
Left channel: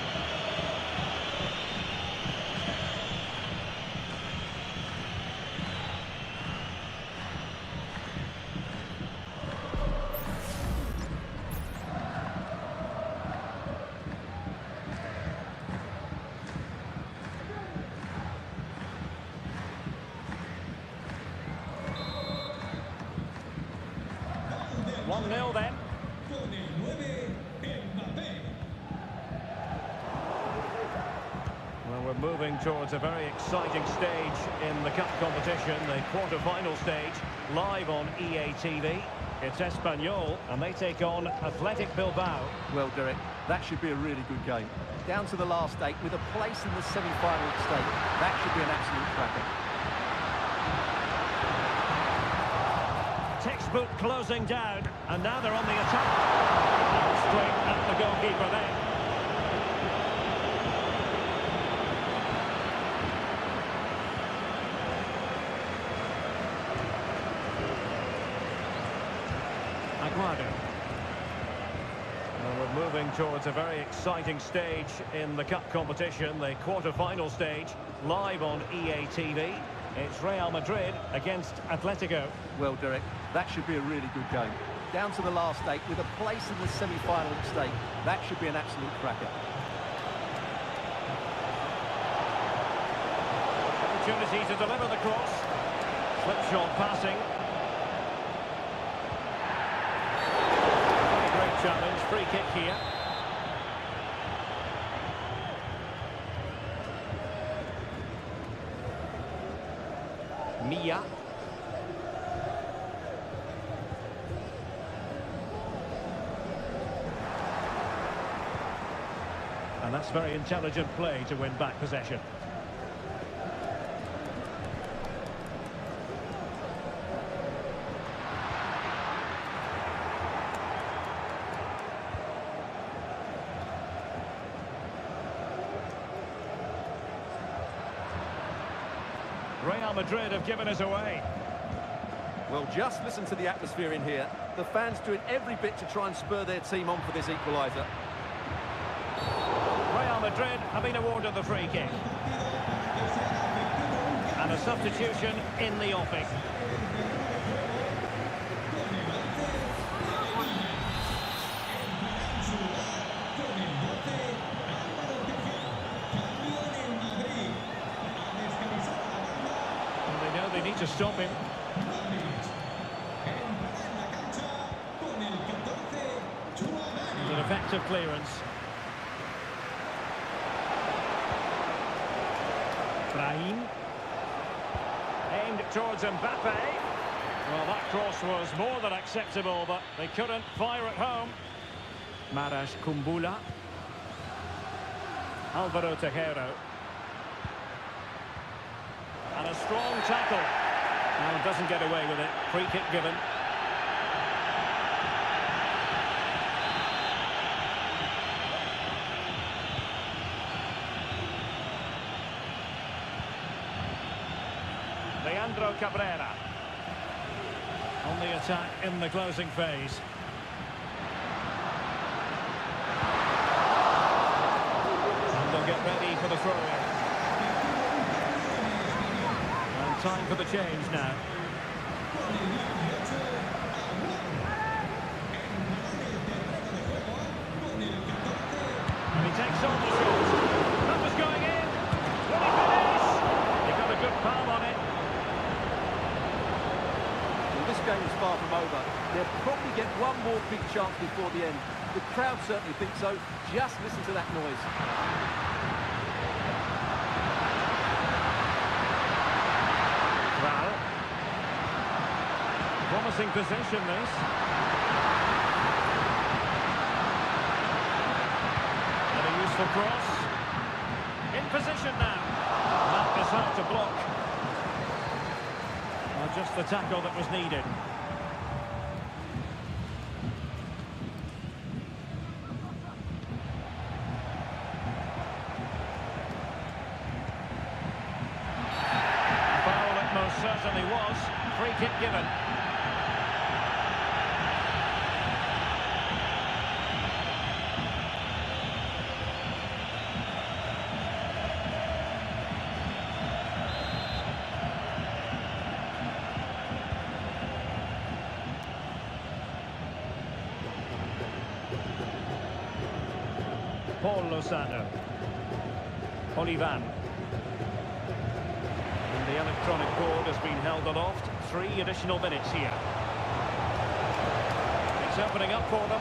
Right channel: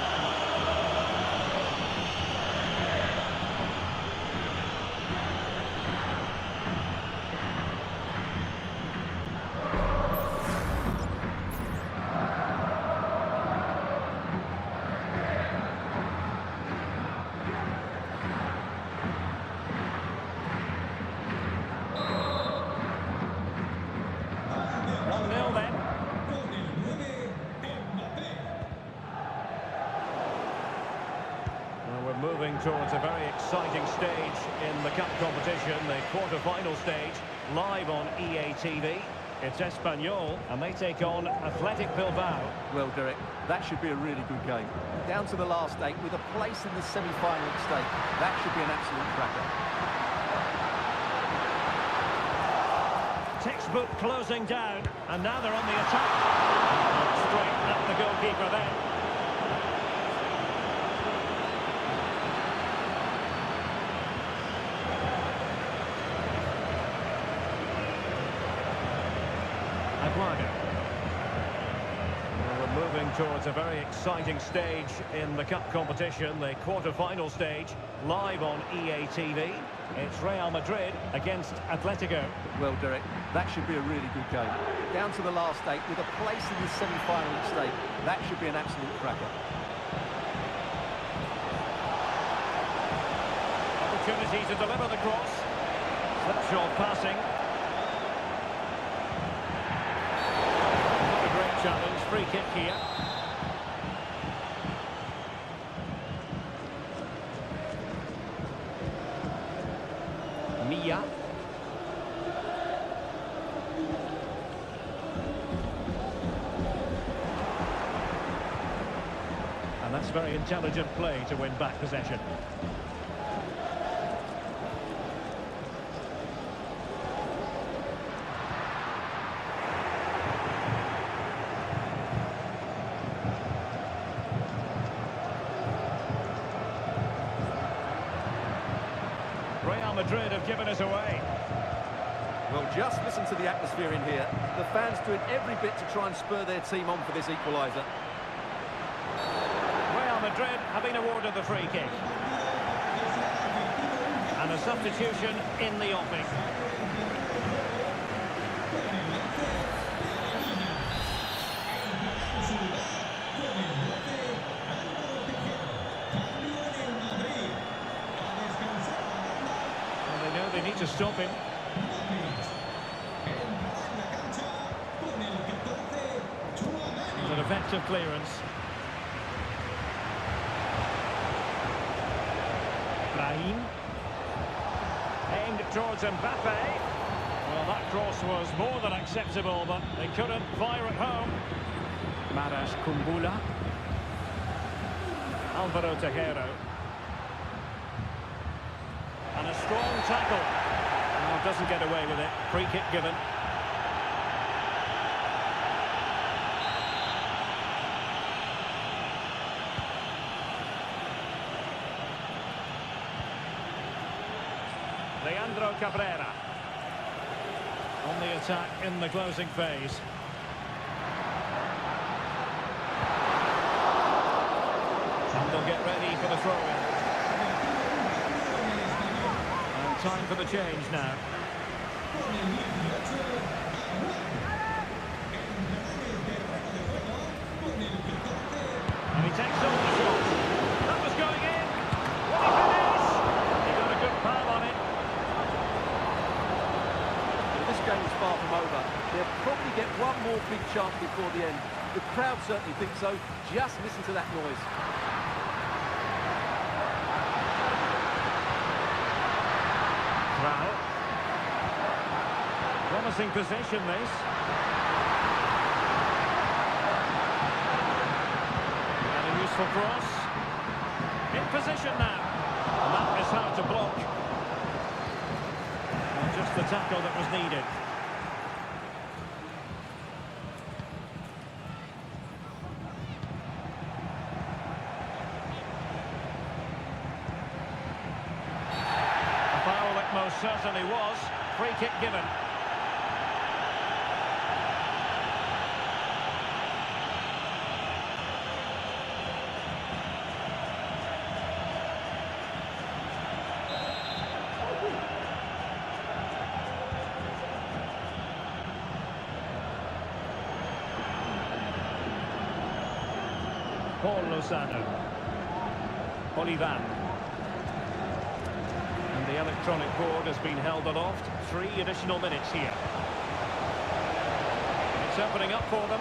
1-0 then. Con el 9, Mbappé. Well, we're moving towards a very exciting stage in the cup competition, the quarter-final stage, live on EA TV. It's Espanyol, and they take on Athletic Bilbao. Well, Derek, that should be a really good game. Down to the last 8 with a place in the semi-final at stake. That should be an absolute cracker. Textbook closing down, and now they're on the attack. And straight at the goalkeeper then. Aguado. Well, we're moving towards a very exciting stage in the cup competition, the quarter-final stage, live on EA TV. It's Real Madrid against Atletico. Well, Derek, that should be a really good game. Down to the last 8 with a place in the semi-final at stake. That should be an absolute cracker. Opportunity to deliver the cross. Slipshod passing. Not a great challenge. Free kick here. Mia. And that's very intelligent play to win back possession. Real Madrid have given us away. Well, just listen to the atmosphere in here. The fans doing every bit to try and spur their team on for this equaliser. Real Madrid have been awarded the free kick. And a substitution in the offing. Well, they know they need to stop him. It's an effective clearance. Brahim. Aimed towards Mbappé. Well, that cross was more than acceptable, but they couldn't fire it home. Maras Kumbula. Alvaro Tejero. And a strong tackle. No, doesn't get away with it. Free kick given. Leandro Cabrera on the attack in the closing phase. And they'll get ready for the throw-in. And time for the change now. And he takes on the shot. That was going in. Will he finish? He got a good palm on it. This game is far from over. They'll probably get one more big chance before the end. The crowd certainly think so. Just listen to that noise. Kral. Promising possession, this. And a useful cross. In position now. And that is how to block. Well, just the tackle that was needed. A foul it most certainly was. Free kick given. Paul Lozano. Olivan. And the electronic board has been held aloft. 3 additional minutes here. It's opening up for them.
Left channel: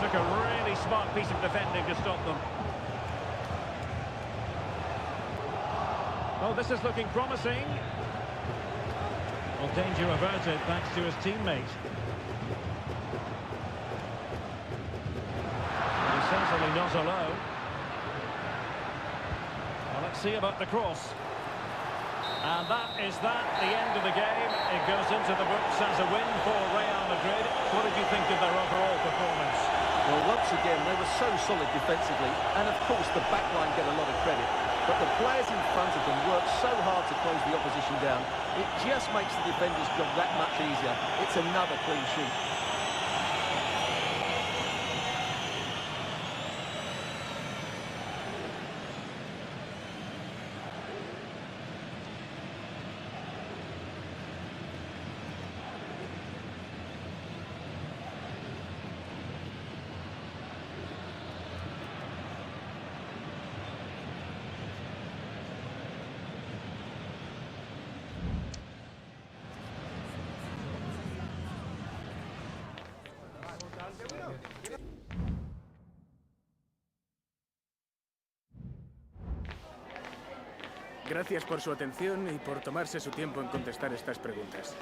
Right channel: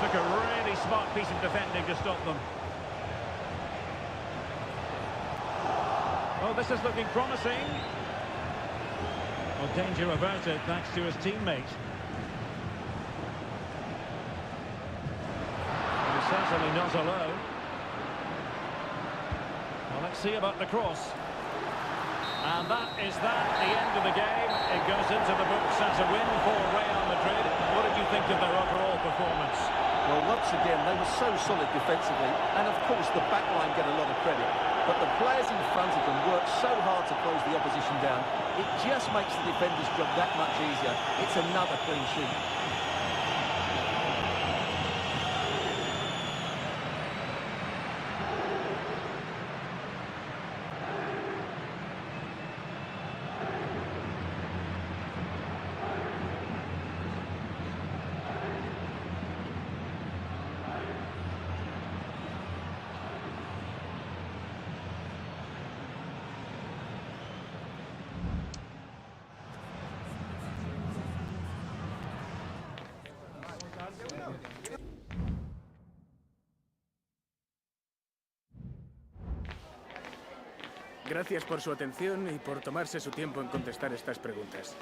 Took a really smart piece of defending to stop them. Oh, this is looking promising. Well, danger averted thanks to his teammate. But he's certainly not alone. Well, let's see about the cross. And that is that, the end of the game. It goes into the books as a win for Real Madrid. What did you think of their overall performance? Well, once again, they were so solid defensively, and of course the back line get a lot of credit. But the players in front of them work so hard to close the opposition down, it just makes the defender's job that much easier. It's another clean sheet. Gracias por su atención y por tomarse su tiempo en contestar estas preguntas.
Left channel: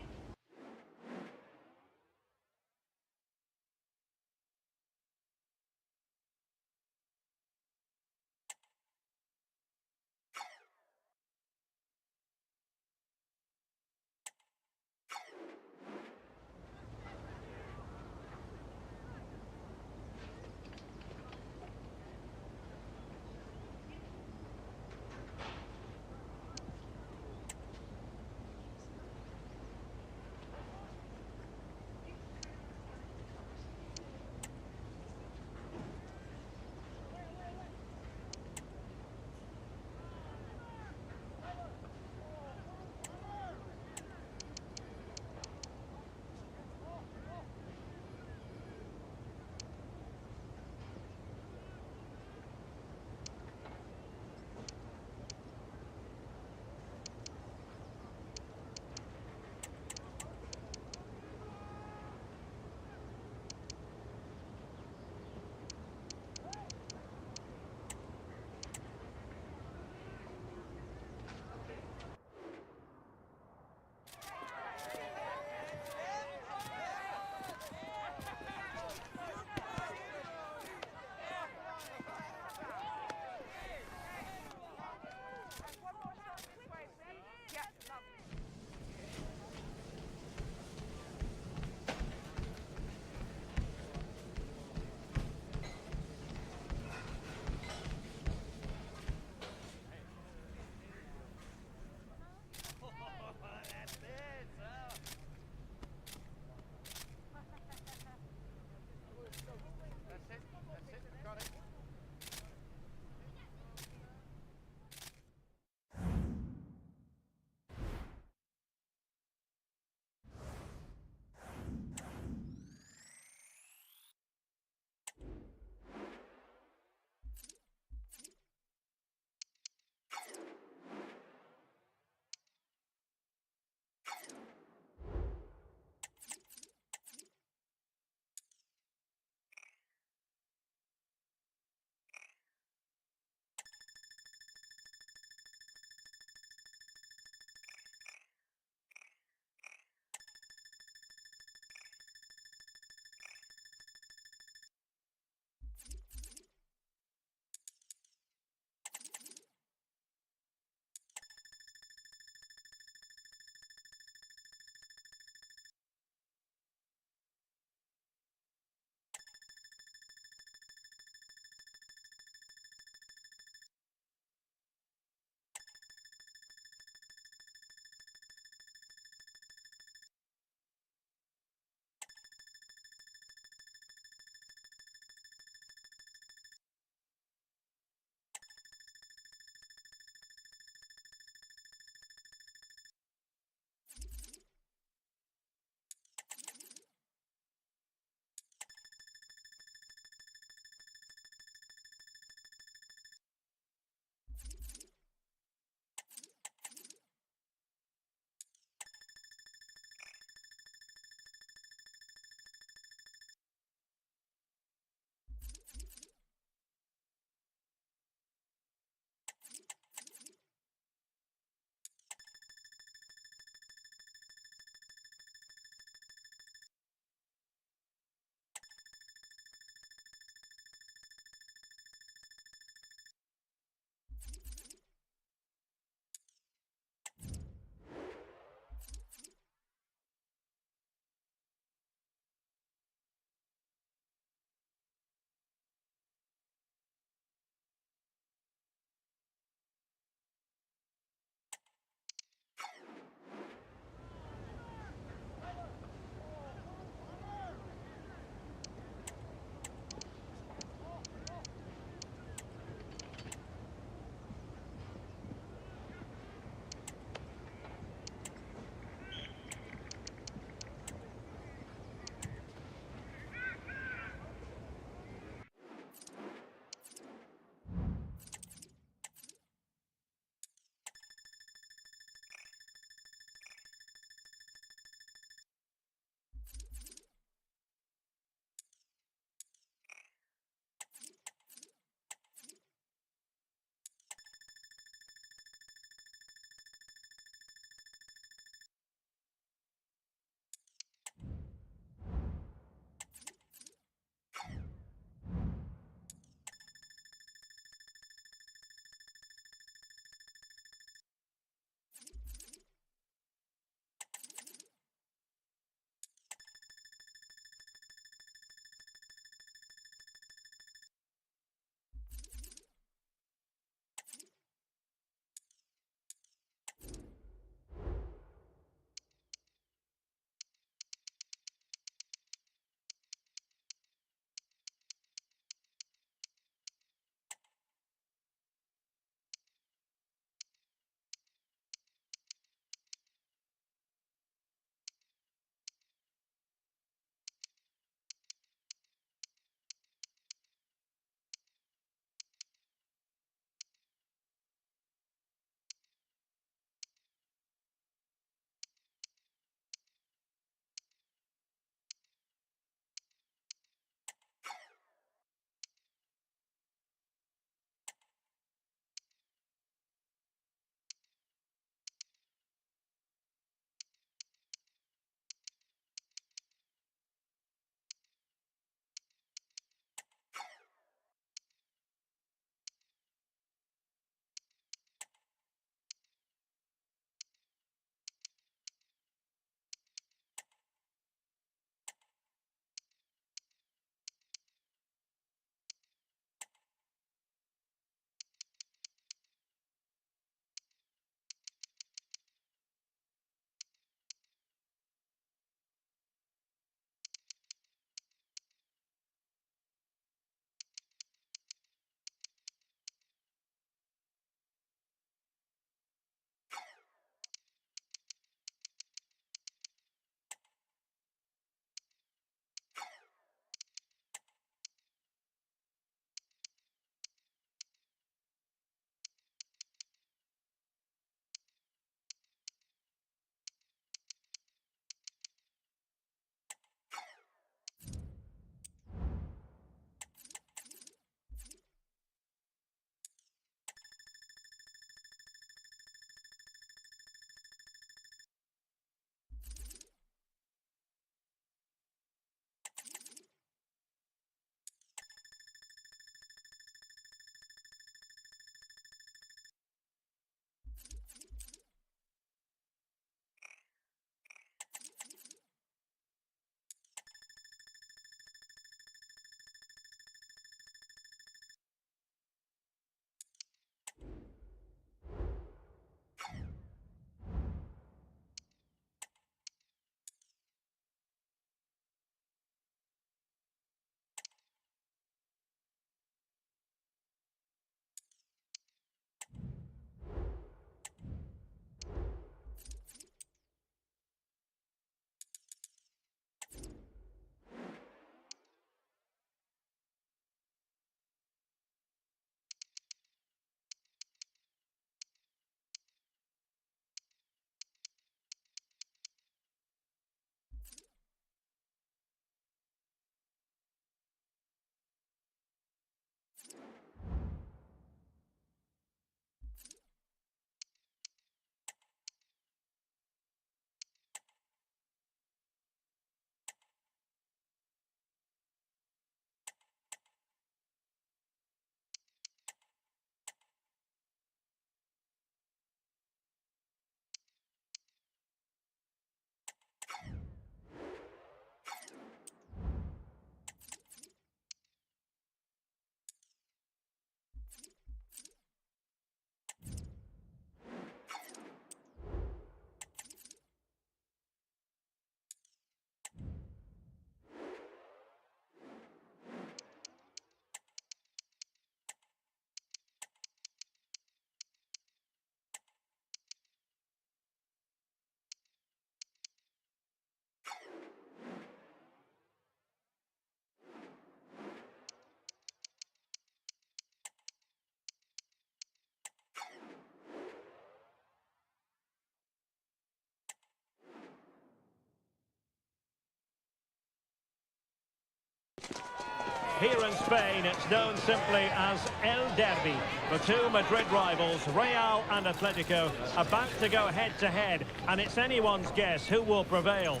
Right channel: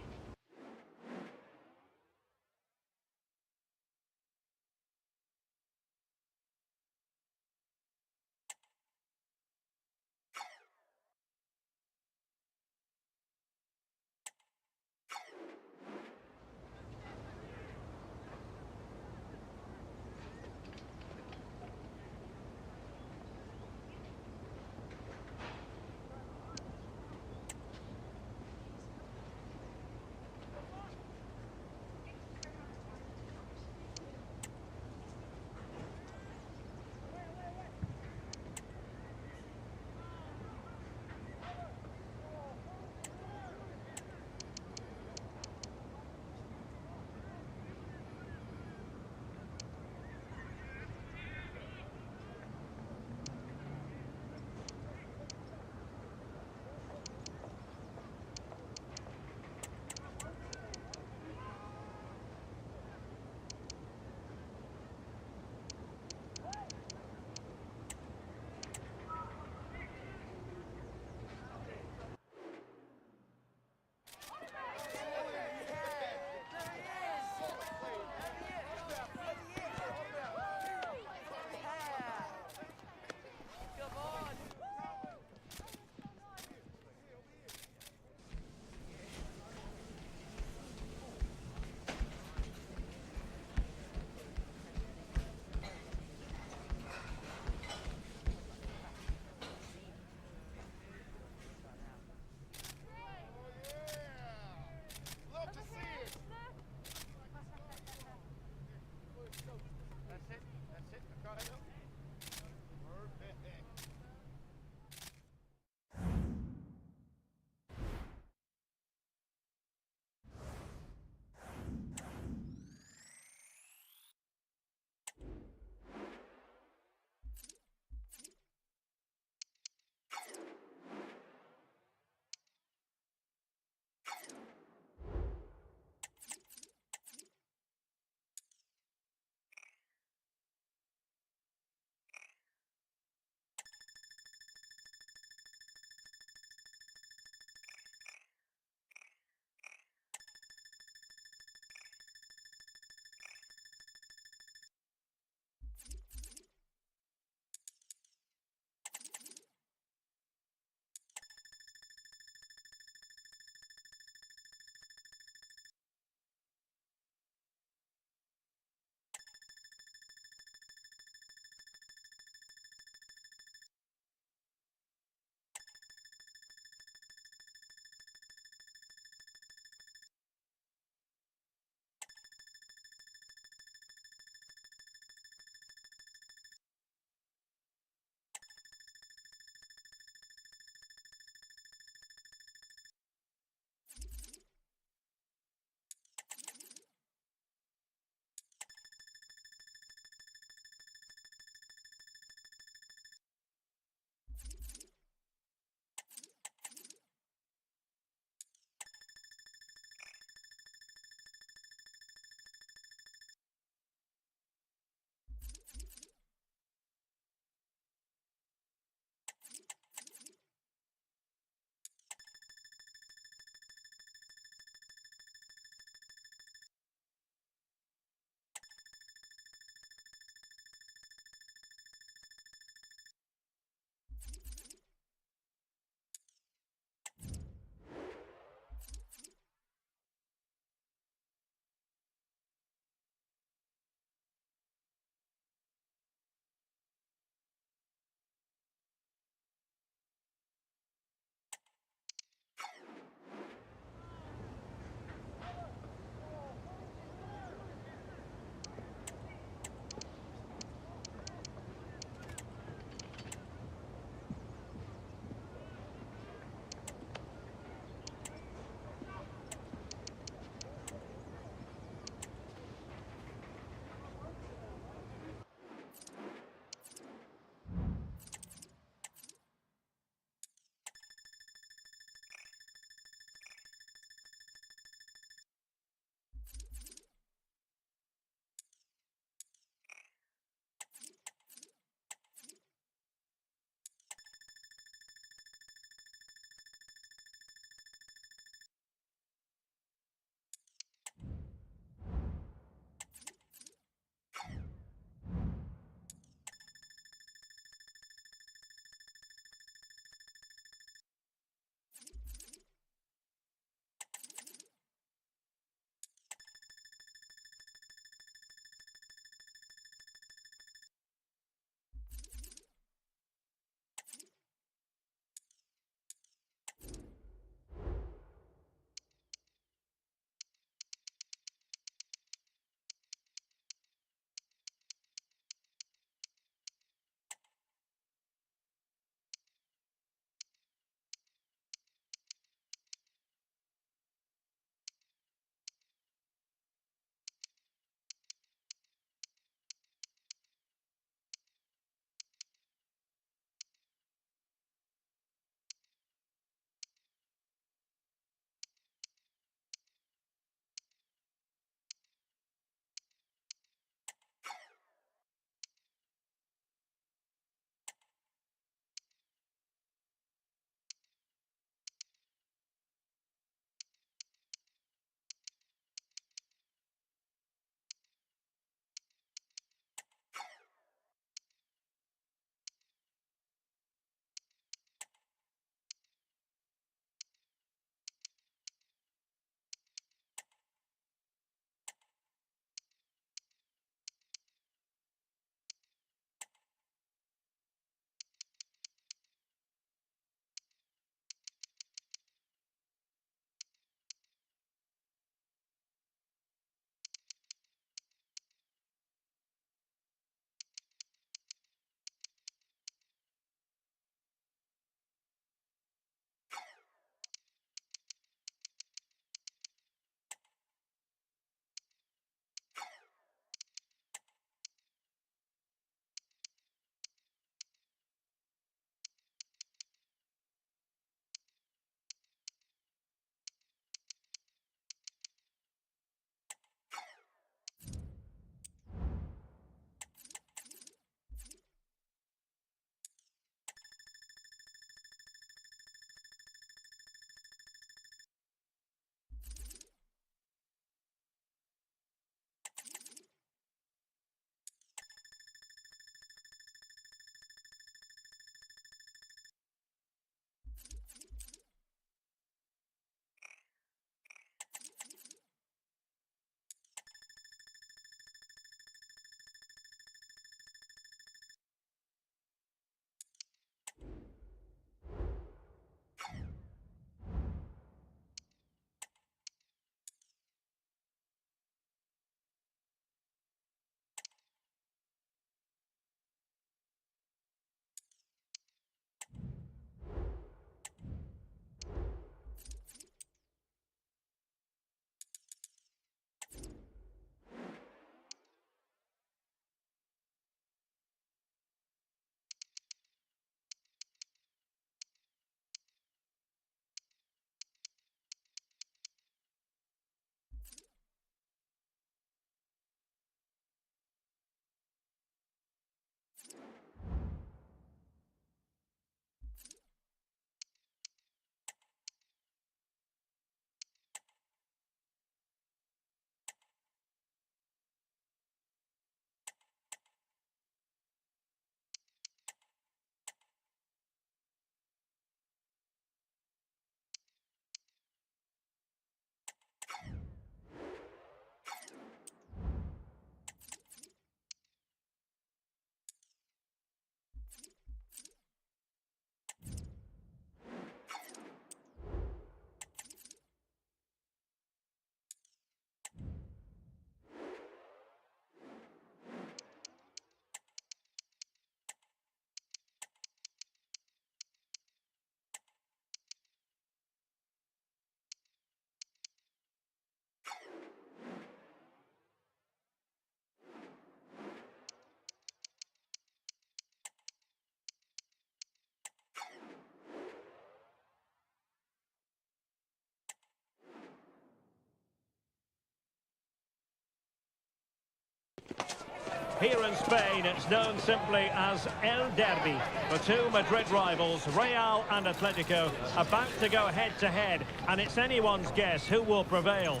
Here in Spain, it's known simply as El Derby. The two Madrid rivals, Real and Atletico, about to go head-to-head, and it's anyone's guess who will prevail.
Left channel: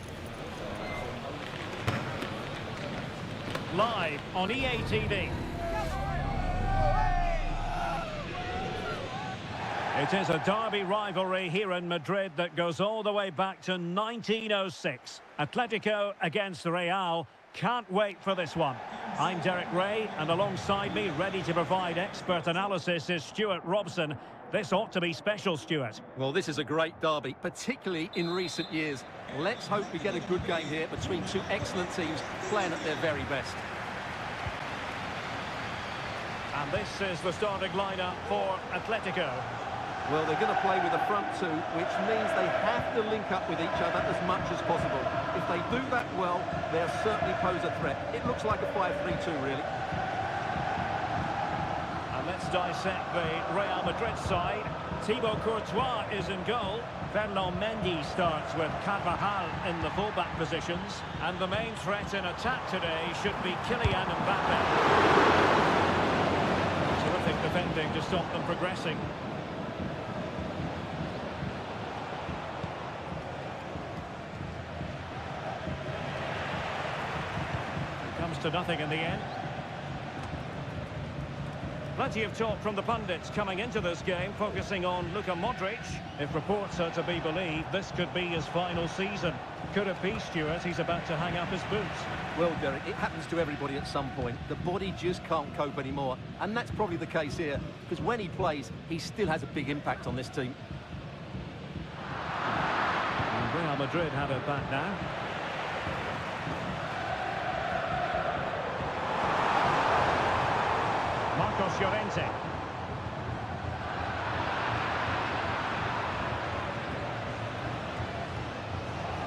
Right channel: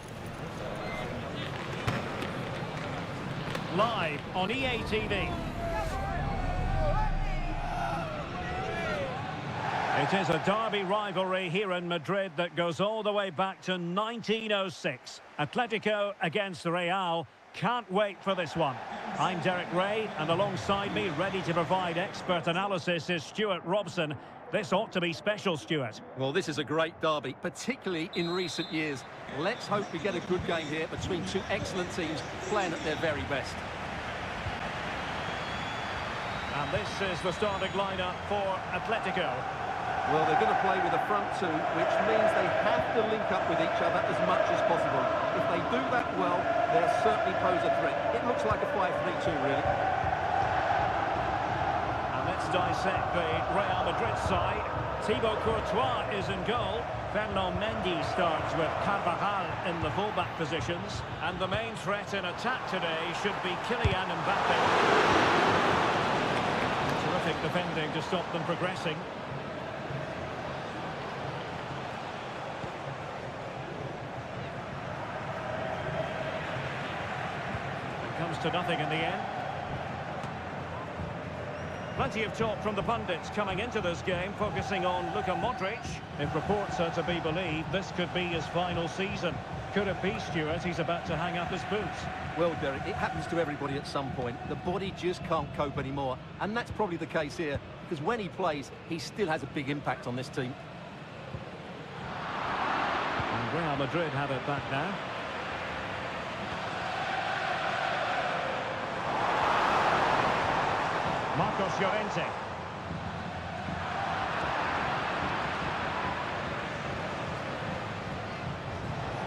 Live on EA TV. It is a derby rivalry here in Madrid that goes all the way back to 1906. Atletico against Real. Can't wait for this one. I'm Derek Ray, and alongside me, ready to provide expert analysis, is Stuart Robson. This ought to be special, Stuart. Well, this is a great derby, particularly in recent years. Let's hope we get a good game here between two excellent teams playing at their very best. And this is the starting lineup for Atletico. Well, they're going to play with a front two, which means they have to link up with each other as much as possible. If they do that well, they'll certainly pose a threat. It looks like a 5-3-2, really. And let's dissect the Real Madrid side. Thibaut Courtois is in goal. Ferland Mendy starts with Carvajal in the fullback positions. And the main threat in attack today should be Kylian Mbappe. Terrific defending to stop them progressing. Comes to nothing in the end. Plenty of talk from the pundits coming into this game, focusing on Luka Modric. If reports are to be believed, this could be his final season. Could it be, Stuart, he's about to hang up his boots? Well, Derek, it happens to everybody at some point. The body just can't cope anymore. And that's probably the case here, because when he plays, he still has a big impact on this team. And Real Madrid have it back now. Marcos Llorente.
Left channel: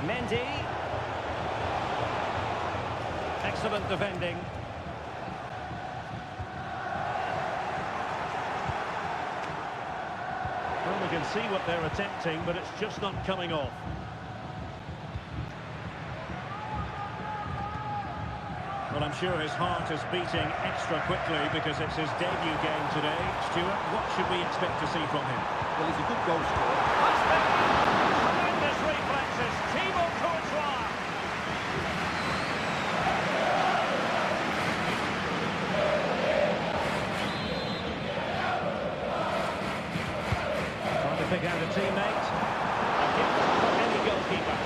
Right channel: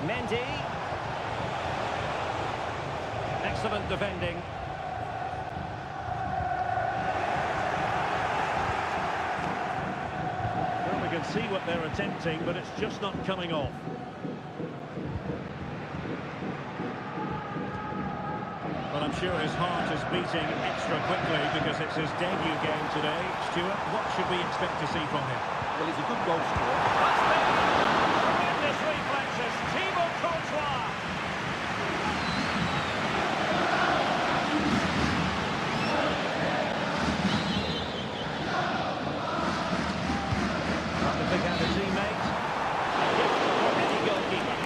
Mendy. Excellent defending. Well, we can see what they're attempting, but it's just not coming off. Well, I'm sure his heart is beating extra quickly because it's his debut game today. Stuart, what should we expect to see from him? Well, he's a good goal scorer. That's big! Tremendous reflexes. Thibaut Courtois. Trying to pick out a teammate. A gift from any goalkeeper.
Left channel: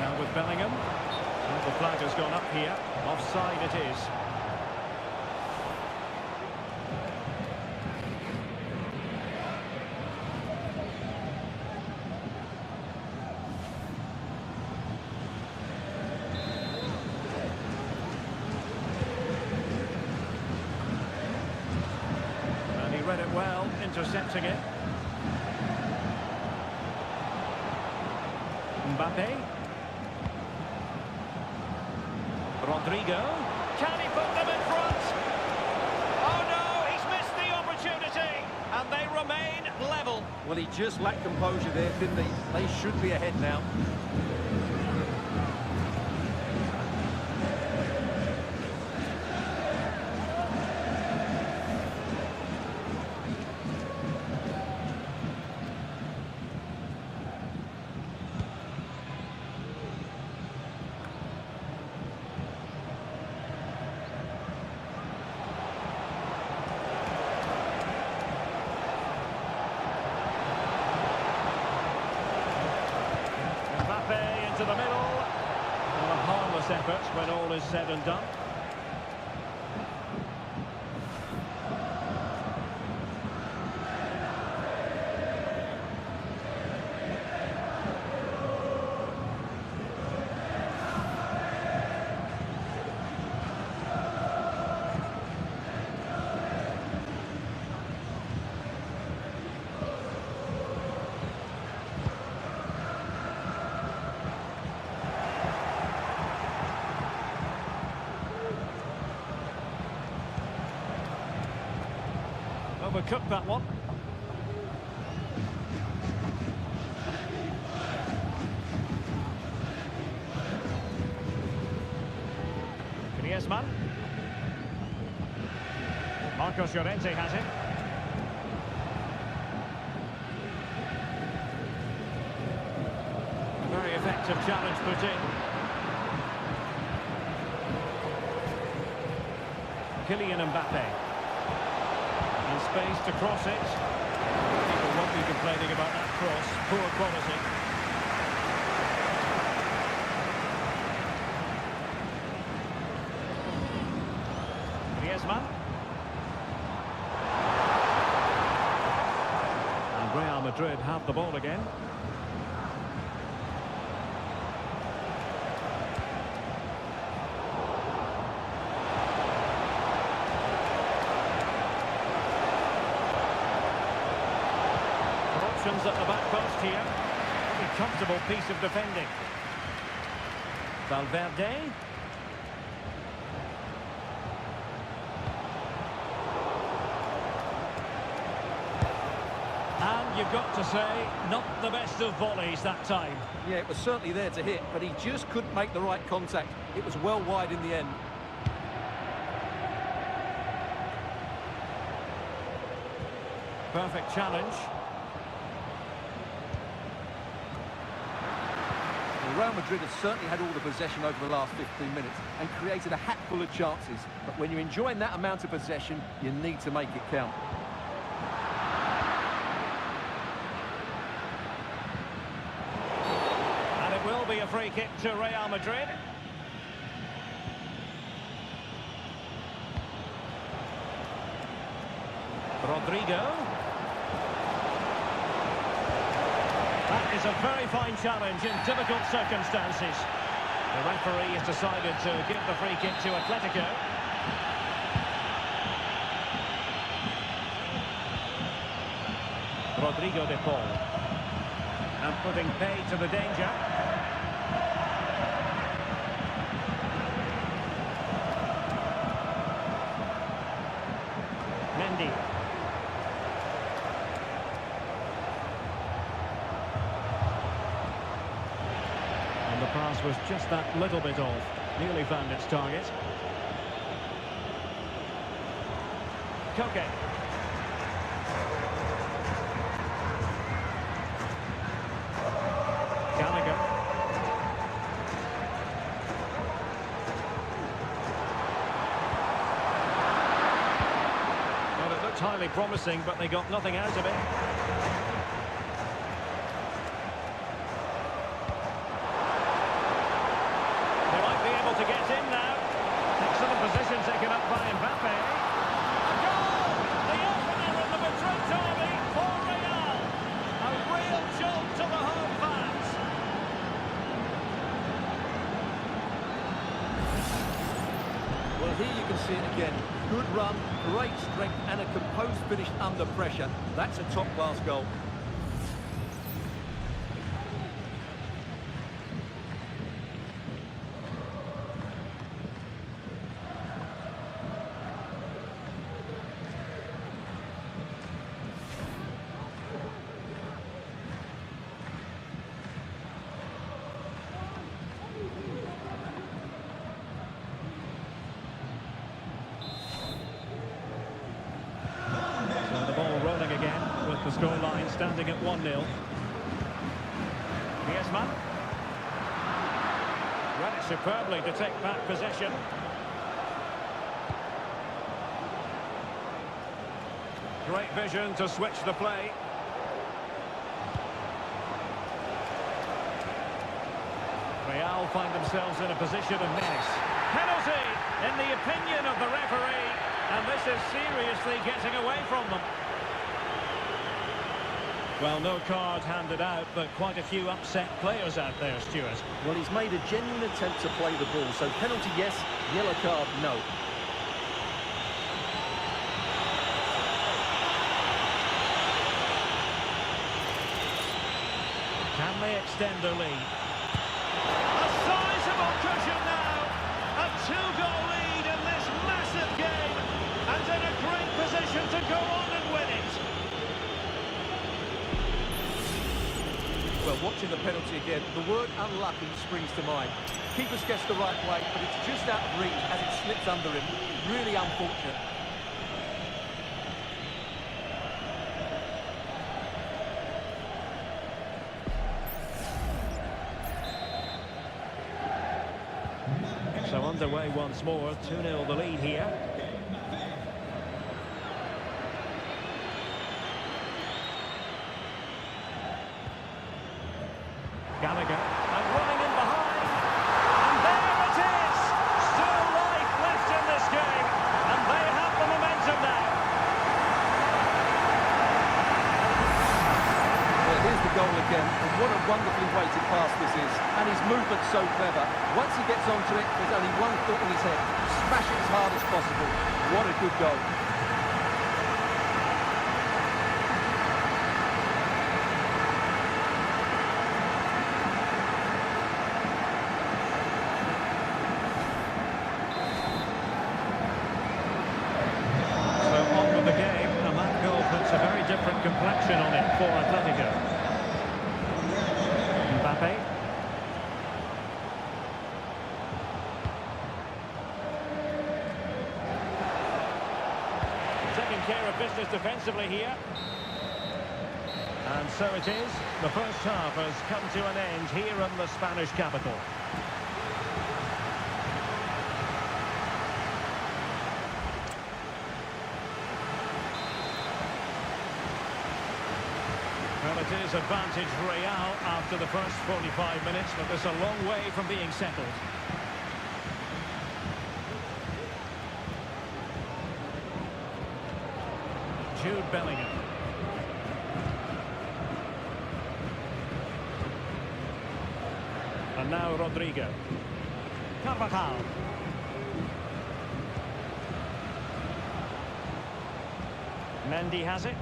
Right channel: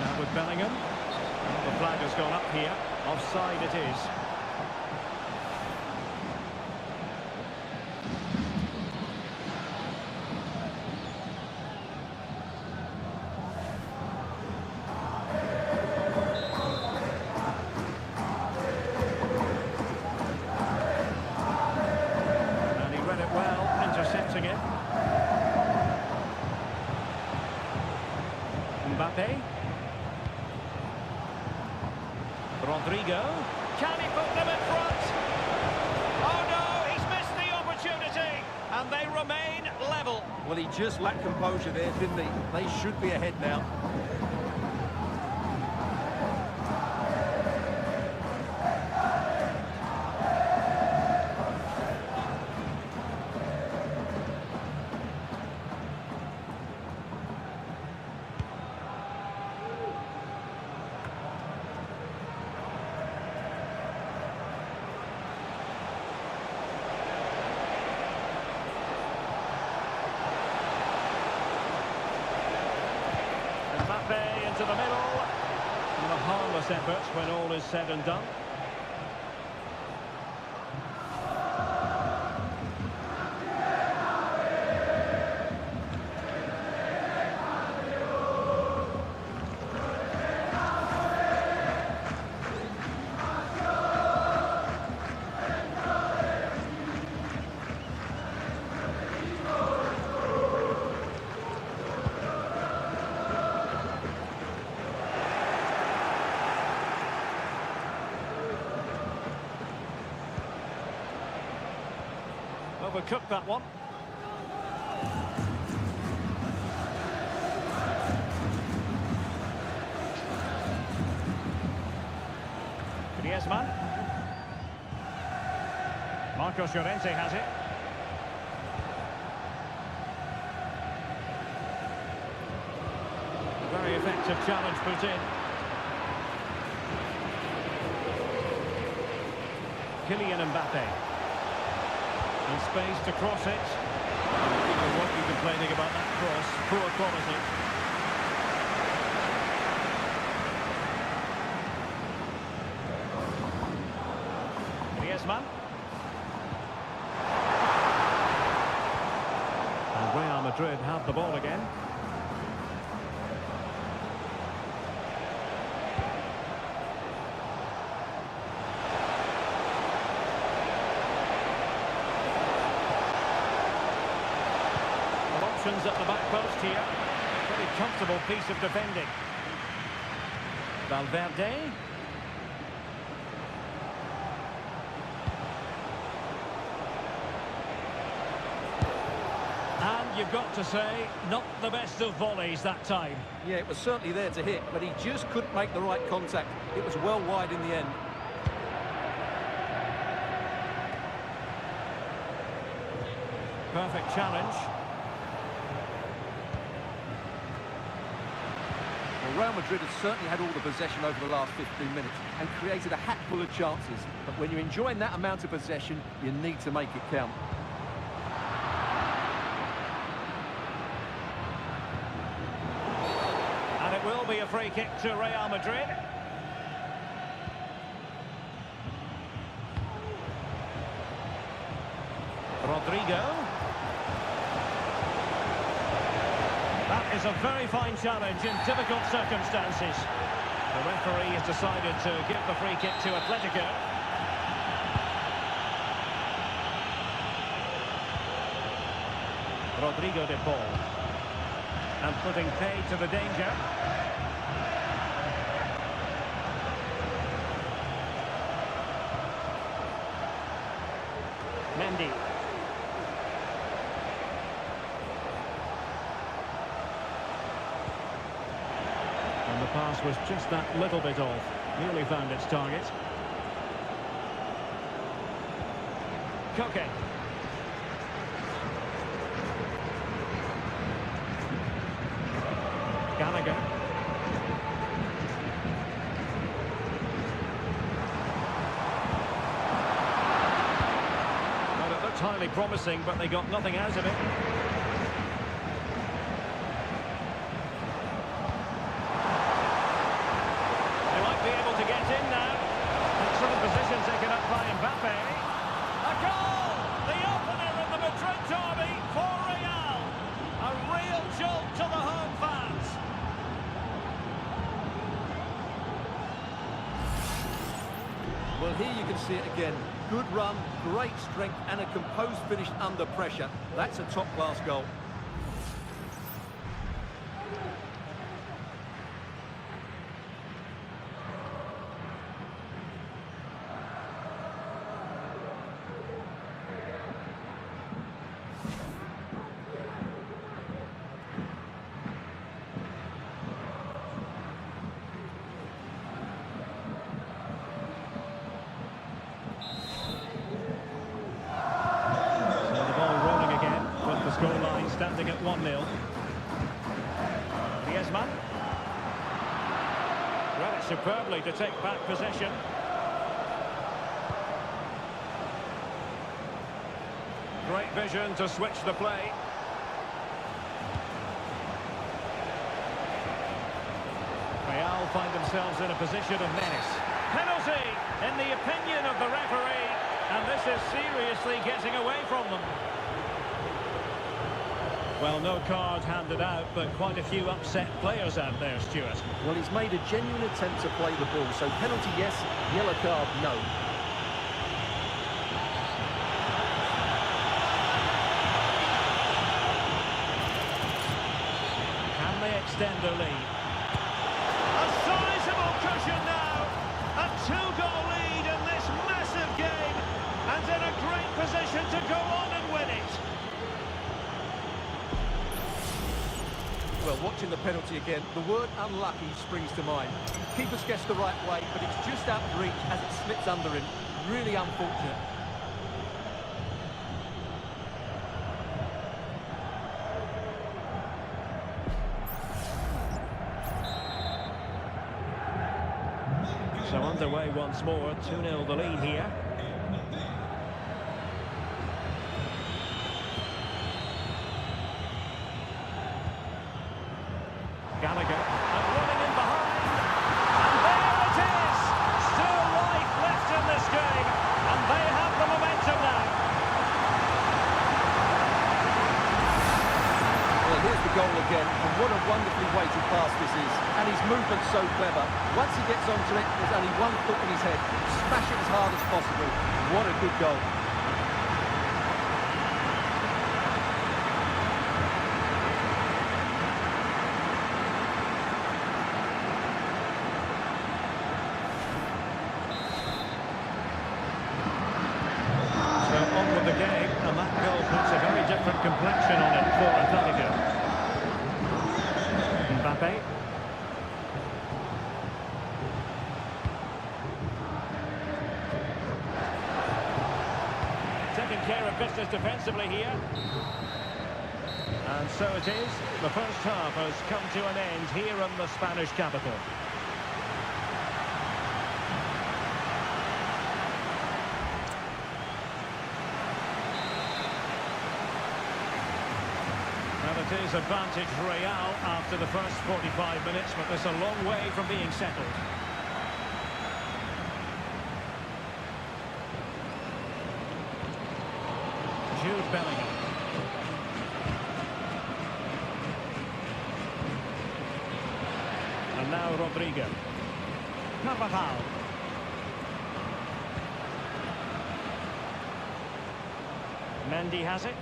Now with Bellingham. Well, the flag has gone up here. Offside it is. And he read it well, intercepting it. Mbappe. Rodrigo. Can he put them in front? Oh no, he's missed the opportunity. And they remain level. Well, he just lacked composure there, didn't he? They should be ahead now. Mbappe into the middle. And a harmless effort when all is said and done. Overcooked that one. Griezmann. Marcos Llorente has it. A very effective challenge put in. Kylian Mbappe. And space to cross it. And people won't be complaining about that cross. Poor quality. Griezmann. And Real Madrid have the ball again. Options at the back post here. Pretty comfortable piece of defending. Valverde. And you've got to say, not the best of volleys that time. Yeah, it was certainly there to hit, but he just couldn't make the right contact. It was well wide in the end. Perfect challenge. Well, Real Madrid have certainly had all the possession over the last 15 minutes and created a hatful of chances. But when you're enjoying that amount of possession, you need to make it count. And it will be a free kick to Real Madrid. Rodrigo. That is a very fine challenge in difficult circumstances. The referee has decided to give the free kick to Atletico. Rodrigo de Paul. And putting pay to the danger. Mendy. And the pass was just that little bit off. Nearly found its target. Koke. Gallagher. Well, it looked highly promising, but they got nothing out of it. They might be able to get in now. Excellent position taken up by Mbappe. A goal! The opener in the Madrid derby for Real. A real jolt to the home fans. Well, here you can see it again. Good run, great strength, and a composed finish under pressure. That's a top-class goal. The scoreline standing at 1-0. Griezmann. Read it superbly to take back possession. Great vision to switch the play. Real find themselves in a position of menace. Penalty, in the opinion of the referee, and this is seriously getting away from them. Well, no card handed out, but quite a few upset players out there, Stuart. Well, he's made a genuine attempt to play the ball, so penalty yes, yellow card no. Can they extend their lead? A sizable cushion now. A 2-goal lead in this massive game, and in a great position to go on and win it. Well, watching the penalty again, the word unlucky springs to mind. Keeper's guessed the right way, but it's just out of reach as it slips under him. Really unfortunate. So underway once more, 2-0 the lead here. Gallagher, and running in behind, and there it is! Still life left in this game, and they have the momentum now. Well, here's the goal again, and what a wonderfully weighted pass this is. And his movement's so clever. Once he gets onto it, there's only one thought in his head. Smash it as hard as possible. What a good goal. The game, and that goal puts a very different complexion on it for Atletico. Mbappe. Taking care of business defensively here. And so it is. The first half has come to an end here in the Spanish capital. Well, it is advantage Real after the first 45 minutes, but there's a long way from being settled. Jude Bellingham. And now Rodrigo. Carvajal. Mendy has it.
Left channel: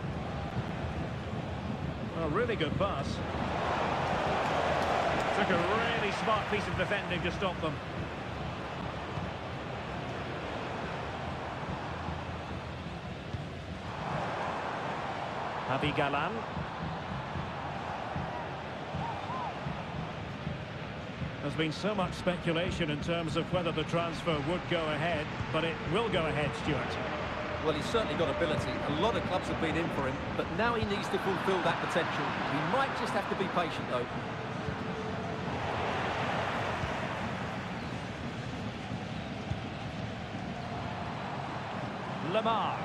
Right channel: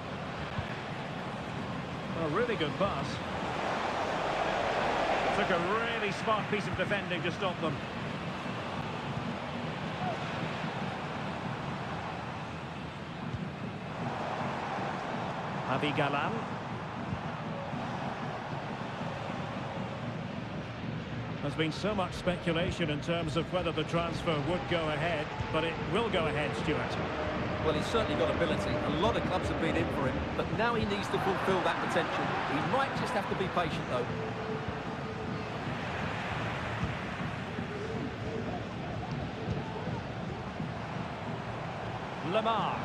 A really good pass. Took a really smart piece of defending to stop them. Javi Galan. There's been so much speculation in terms of whether the transfer would go ahead, but it will go ahead, Stuart. Well, he's certainly got ability. A lot of clubs have been in for him, but now he needs to fulfil that potential. He might just have to be patient, though. Lamar.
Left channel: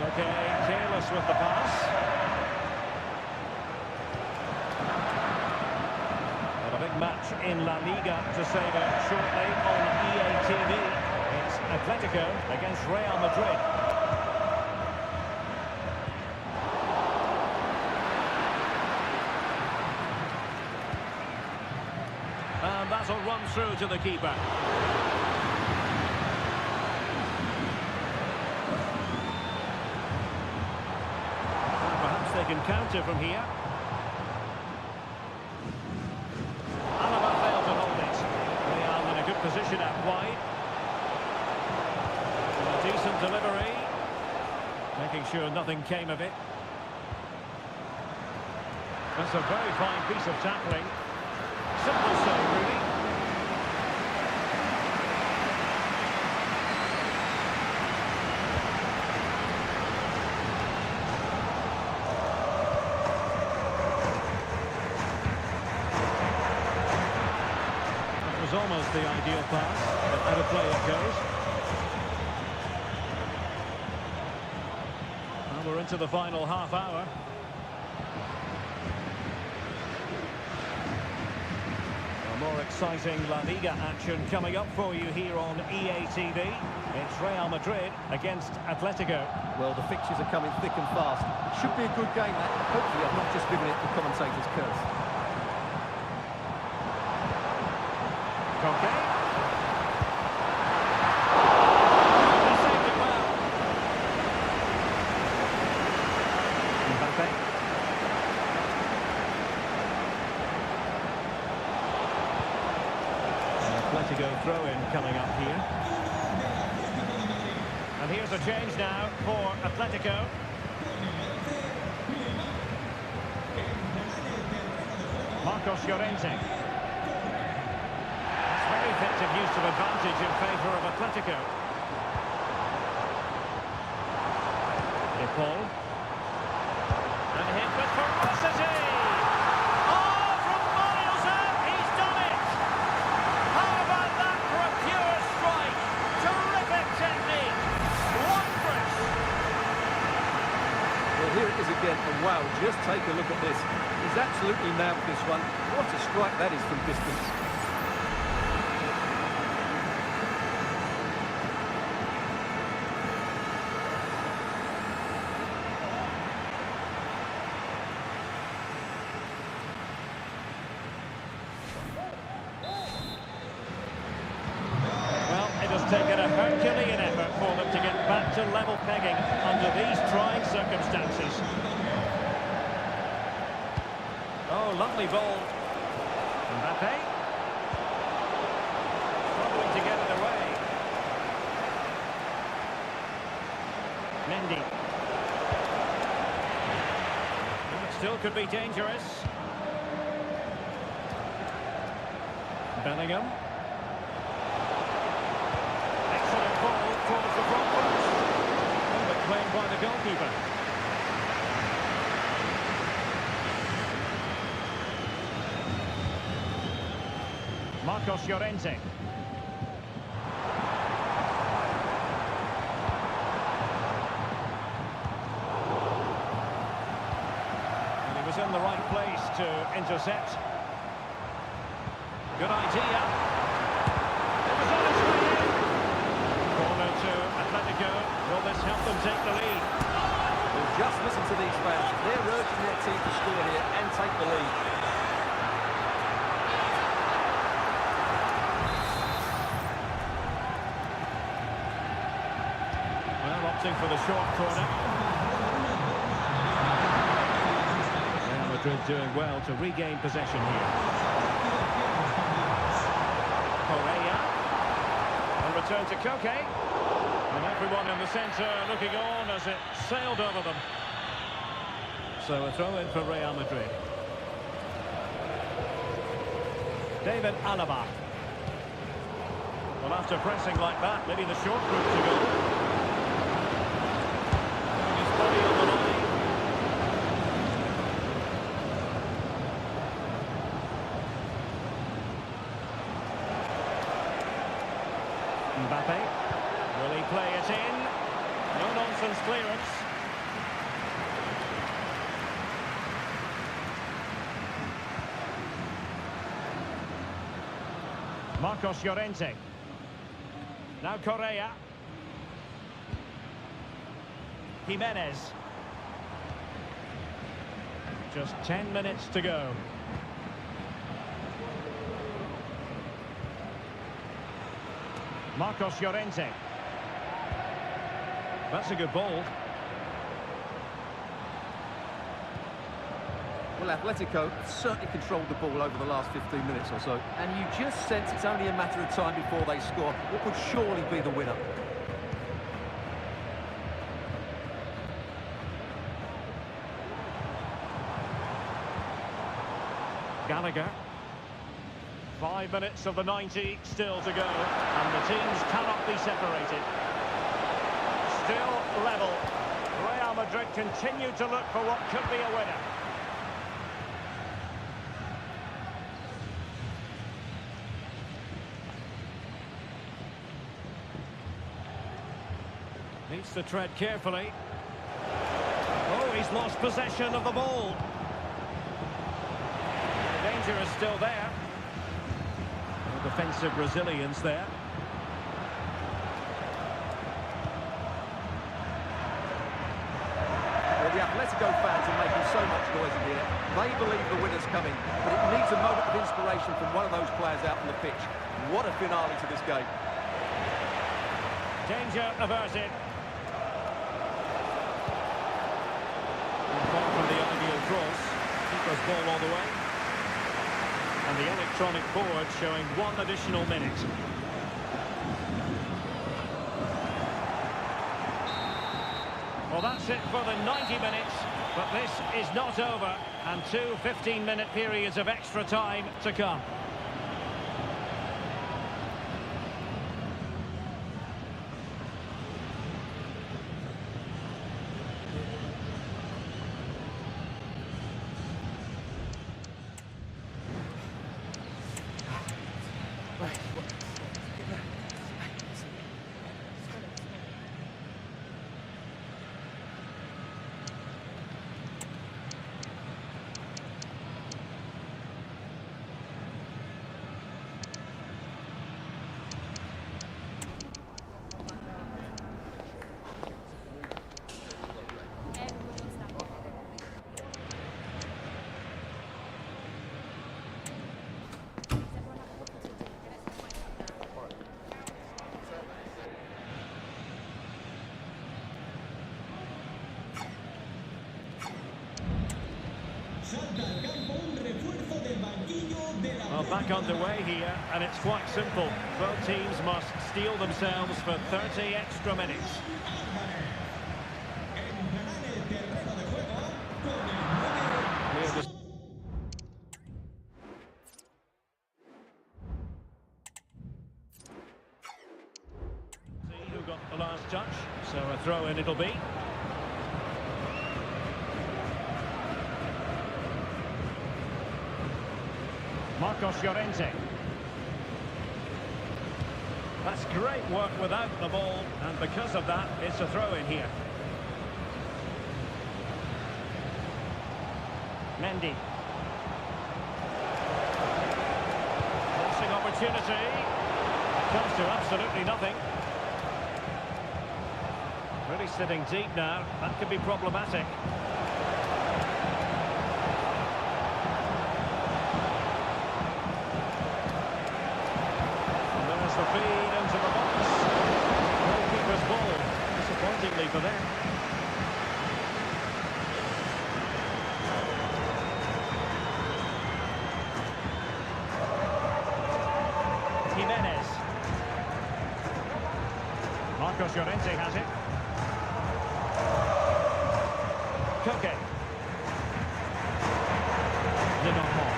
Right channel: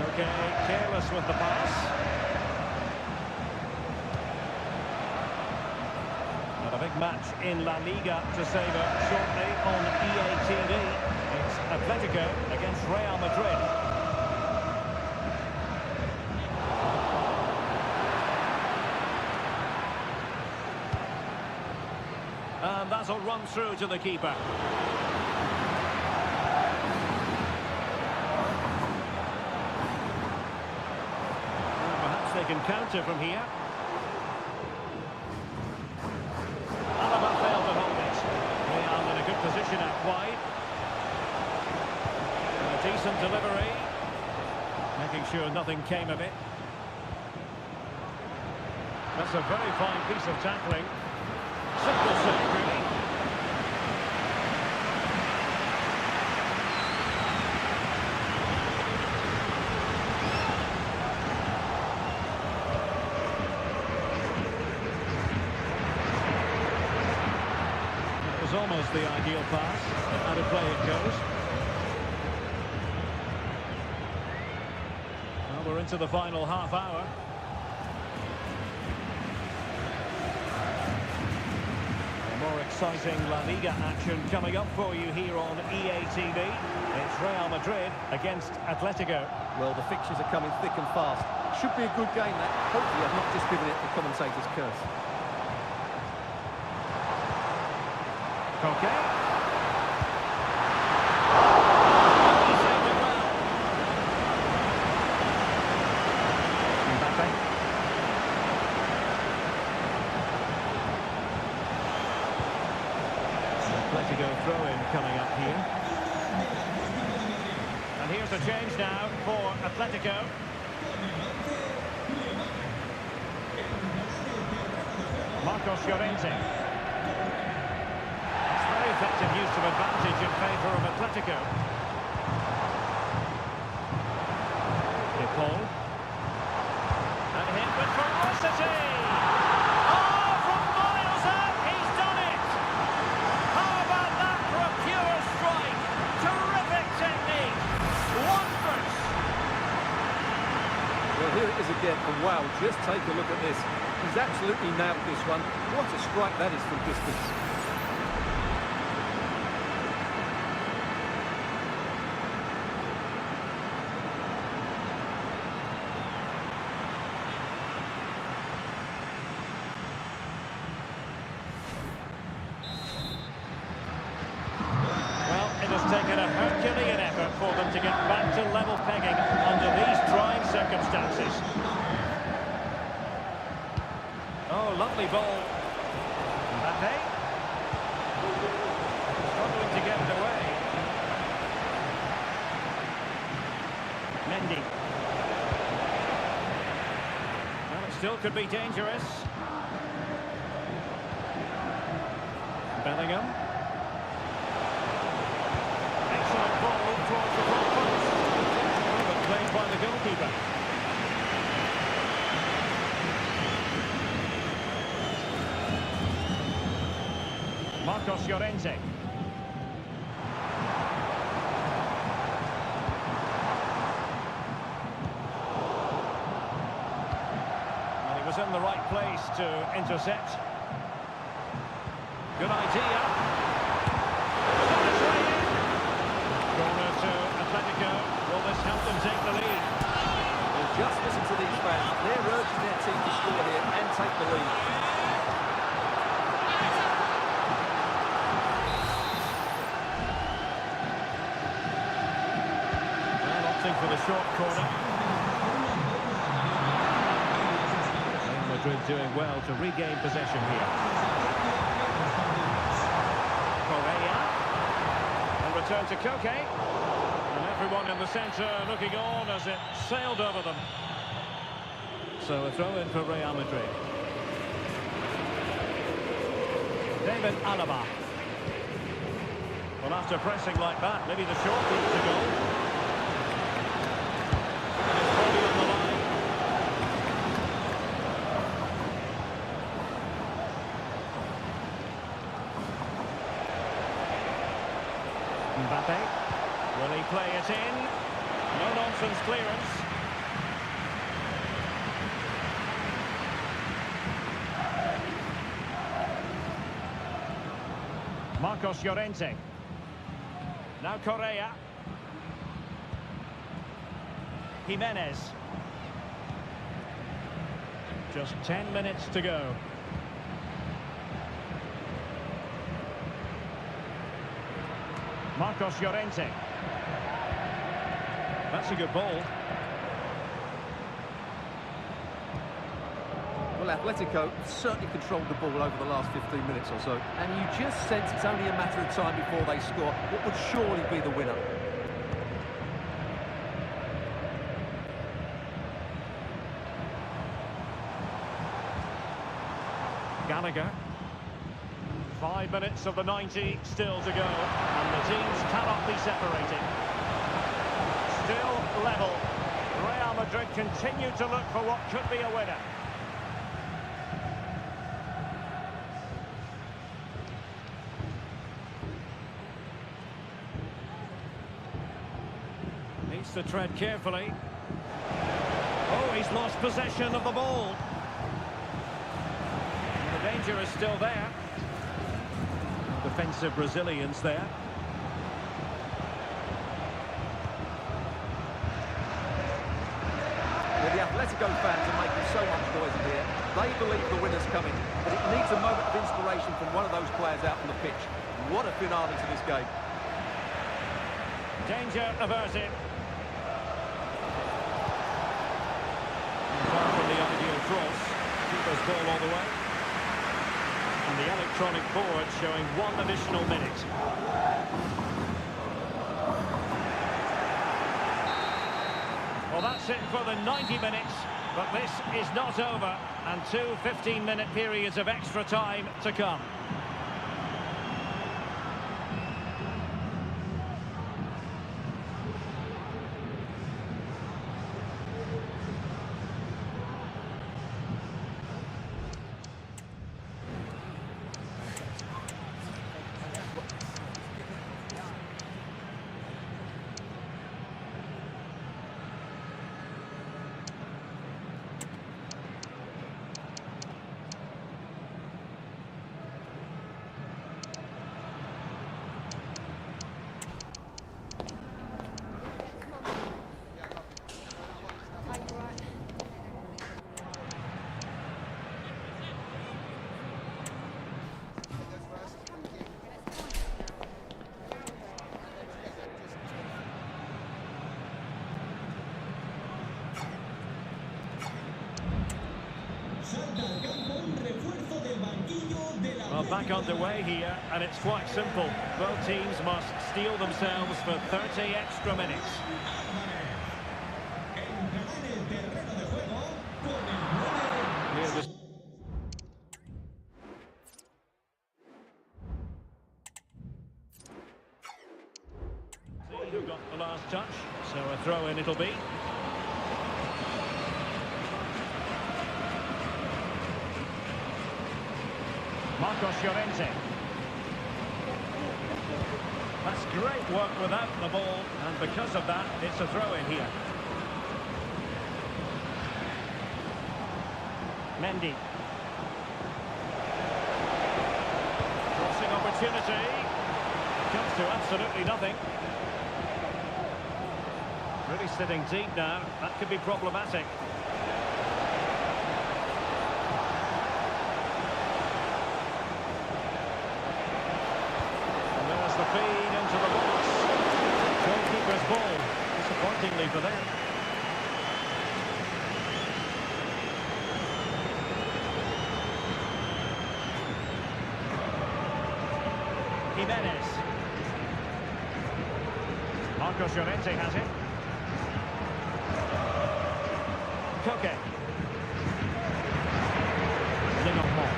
Okay, careless with the pass. But a big match in La Liga to savour shortly on EA TV. It's Atletico against Real Madrid. And that'll run through to the keeper. And perhaps they can counter from here. Failed to hold it. Real in a good position out wide. And a decent delivery. Making sure nothing came of it. That's a very fine piece of tackling. Simple save, really. It was almost the ideal pass, but out of play it goes. Well, we're into the final half hour. A more exciting La Liga action coming up for you here on EA TV. It's Real Madrid against Atletico. Well, the fixtures are coming thick and fast. It should be a good game, that. Hopefully I've not just given it the commentator's curse. Okay. He saved it well. Mbappe. Atletico throw-in coming up here. And here's a change now for Atletico. Marcos Llorente. It's very effective use of advantage in favour of Atletico. De Paul. And hit with ferocity! Oh, from miles out, he's done it! How about that for a pure strike? Terrific technique! Wondrous! Well, here it is again, and wow, just take a look at this. He's absolutely nailed this one. What a strike that is from distance. Well, it has taken a Herculean effort for them to get back to level pegging under these trying circumstances. Oh, lovely ball. Mbappe. Struggling to get it away. Mendy. Well, it still could be dangerous. Bellingham. Excellent ball towards the front post. Oh, but played by the goalkeeper. Marcos Llorente. And he was in the right place to intercept. Good idea. It was on its way in. Corner to Atletico. Will this help them take the lead? Well, just listen to these fans. They're urging their team to score here and take the lead. For the short corner. Real Madrid doing well to regain possession here. Correa. And return to Koke. And everyone in the centre looking on as it sailed over them. So a throw in for Real Madrid. David Alaba. Well, after pressing like that, maybe the short route to goal. Body on the line. Mbappe. Will he play it in? No nonsense clearance. Marcos Llorente. Now Correa. Jimenez. Just 10 minutes to go. Marcos Llorente. That's a good ball. Well, Atletico have certainly controlled the ball over the last 15 minutes or so. And you just sense it's only a matter of time before they score what would surely be the winner. Gallagher. 5 minutes of the 90 still to go, and the teams cannot be separated. Still level. Real Madrid continue to look for what could be a winner. Needs to tread carefully. Oh, he's lost possession of the ball. The danger is still there. No defensive resilience there. Well, the Atletico fans are making so much noise in here. They believe the winner's coming, but it needs a moment of inspiration from one of those players out on the pitch. What a finale to this game. Danger averted. Far from the ideal cross. Keeper's ball all the way. And the electronic board showing 1 additional minute. Well, that's it for the 90 minutes, but this is not over, and two 15-minute periods of extra time to come. Well, back underway here, and it's quite simple. Both teams must steel themselves for 30 extra minutes. See who got the last touch, so a throw-in it'll be. Marcos Llorente. That's great work without the ball, and because of that, it's a throw-in here. Mendy. Crossing opportunity. It comes to absolutely nothing. Really sitting deep now. That could be problematic. There's the feed into the box. Goalkeeper's ball, disappointingly for them. Jimenez. Marcos Llorente has it. Koke. Lenormand.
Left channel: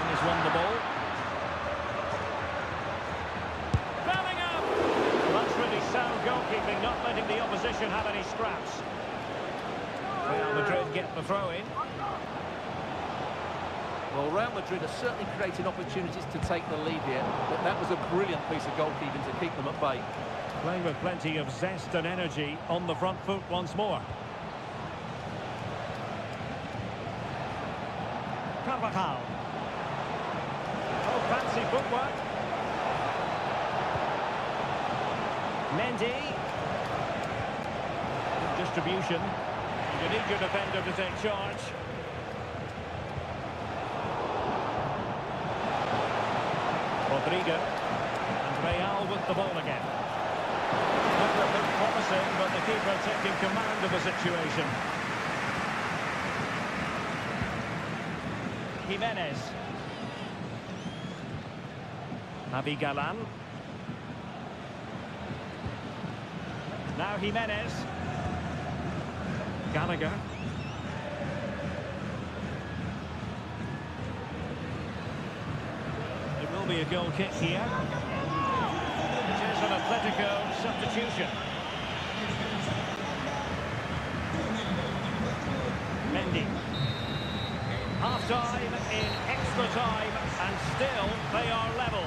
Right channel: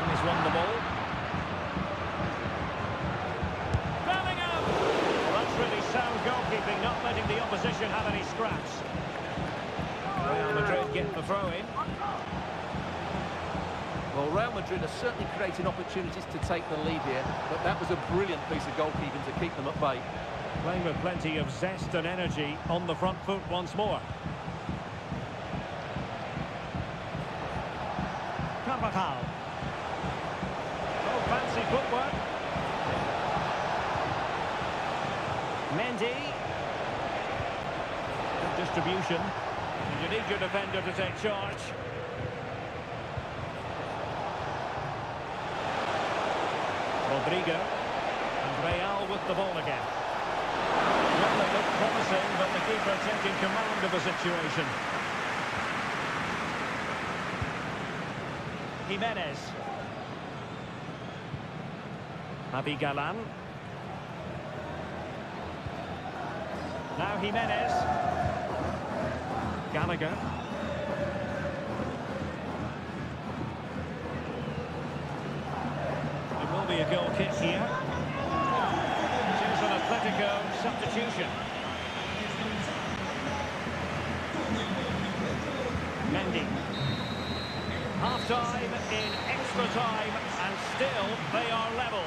And he's won the ball. That's really sound goalkeeping, not letting the opposition have any scraps. Real Madrid get the throw-in. Well, Real Madrid are certainly creating opportunities to take the lead here, but that was a brilliant piece of goalkeeping to keep them at bay. Playing with plenty of zest and energy on the front foot once more. Carvajal. Oh, fancy footwork. Mendy. Good distribution. And you need your defender to take charge. Rodrigo. And Real with the ball again. Well, a bit promising, but the keeper taking command of the situation. Jimenez. Javi Galan. Now Jimenez. Gallagher. It will be a goal kick here. It is an Atletico substitution. Mendy. Half-time in extra time, and still they are level.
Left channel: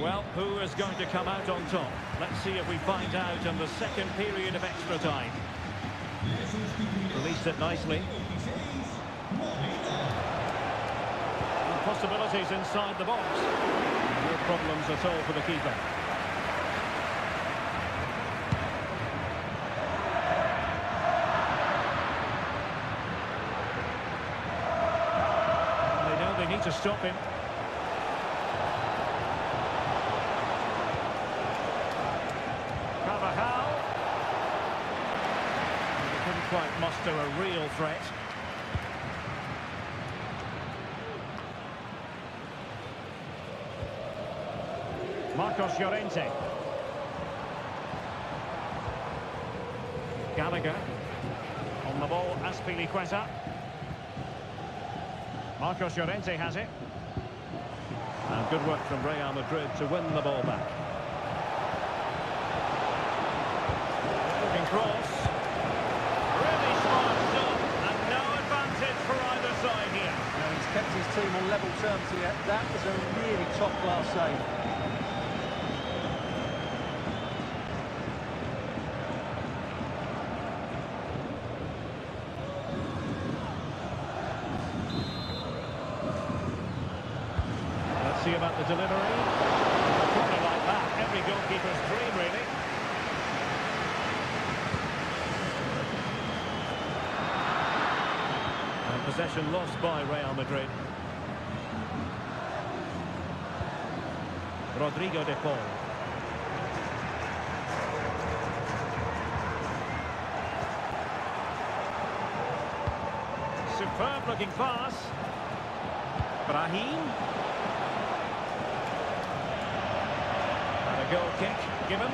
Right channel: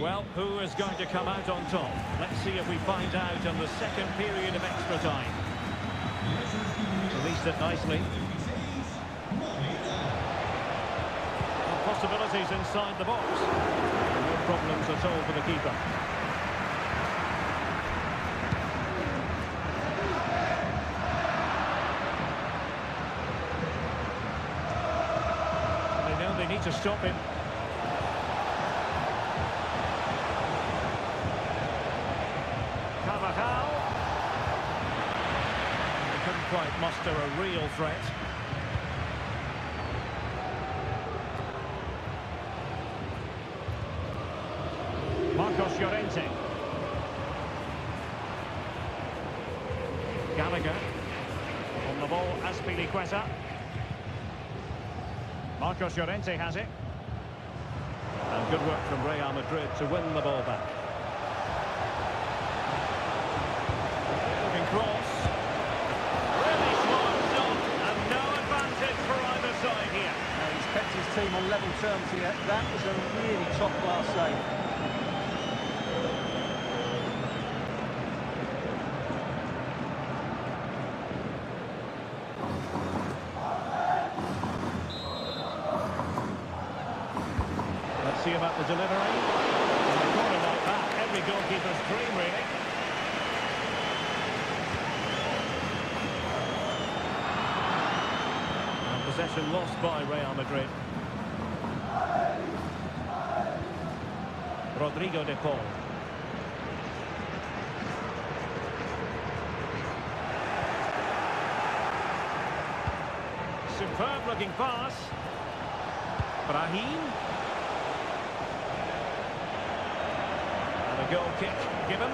Well, who is going to come out on top? Let's see if we find out in the second period of extra time. Released it nicely. And possibilities inside the box. No problems at all for the keeper. They know they need to stop him. quite muster a real threat. Marcos Llorente. Gallagher. On the ball, Azpilicueta. Marcos Llorente has it. And good work from Real Madrid to win the ball back. Looking cross. Really smart stop, and no advantage for either side here. Now he's kept his team on level terms here. That was a really top-class save. Let's see about the delivery. From a corner like that, every goalkeeper's dream, really. And possession lost by Real Madrid. Rodrigo de Paul. Superb looking pass. Brahim. And a goal kick given.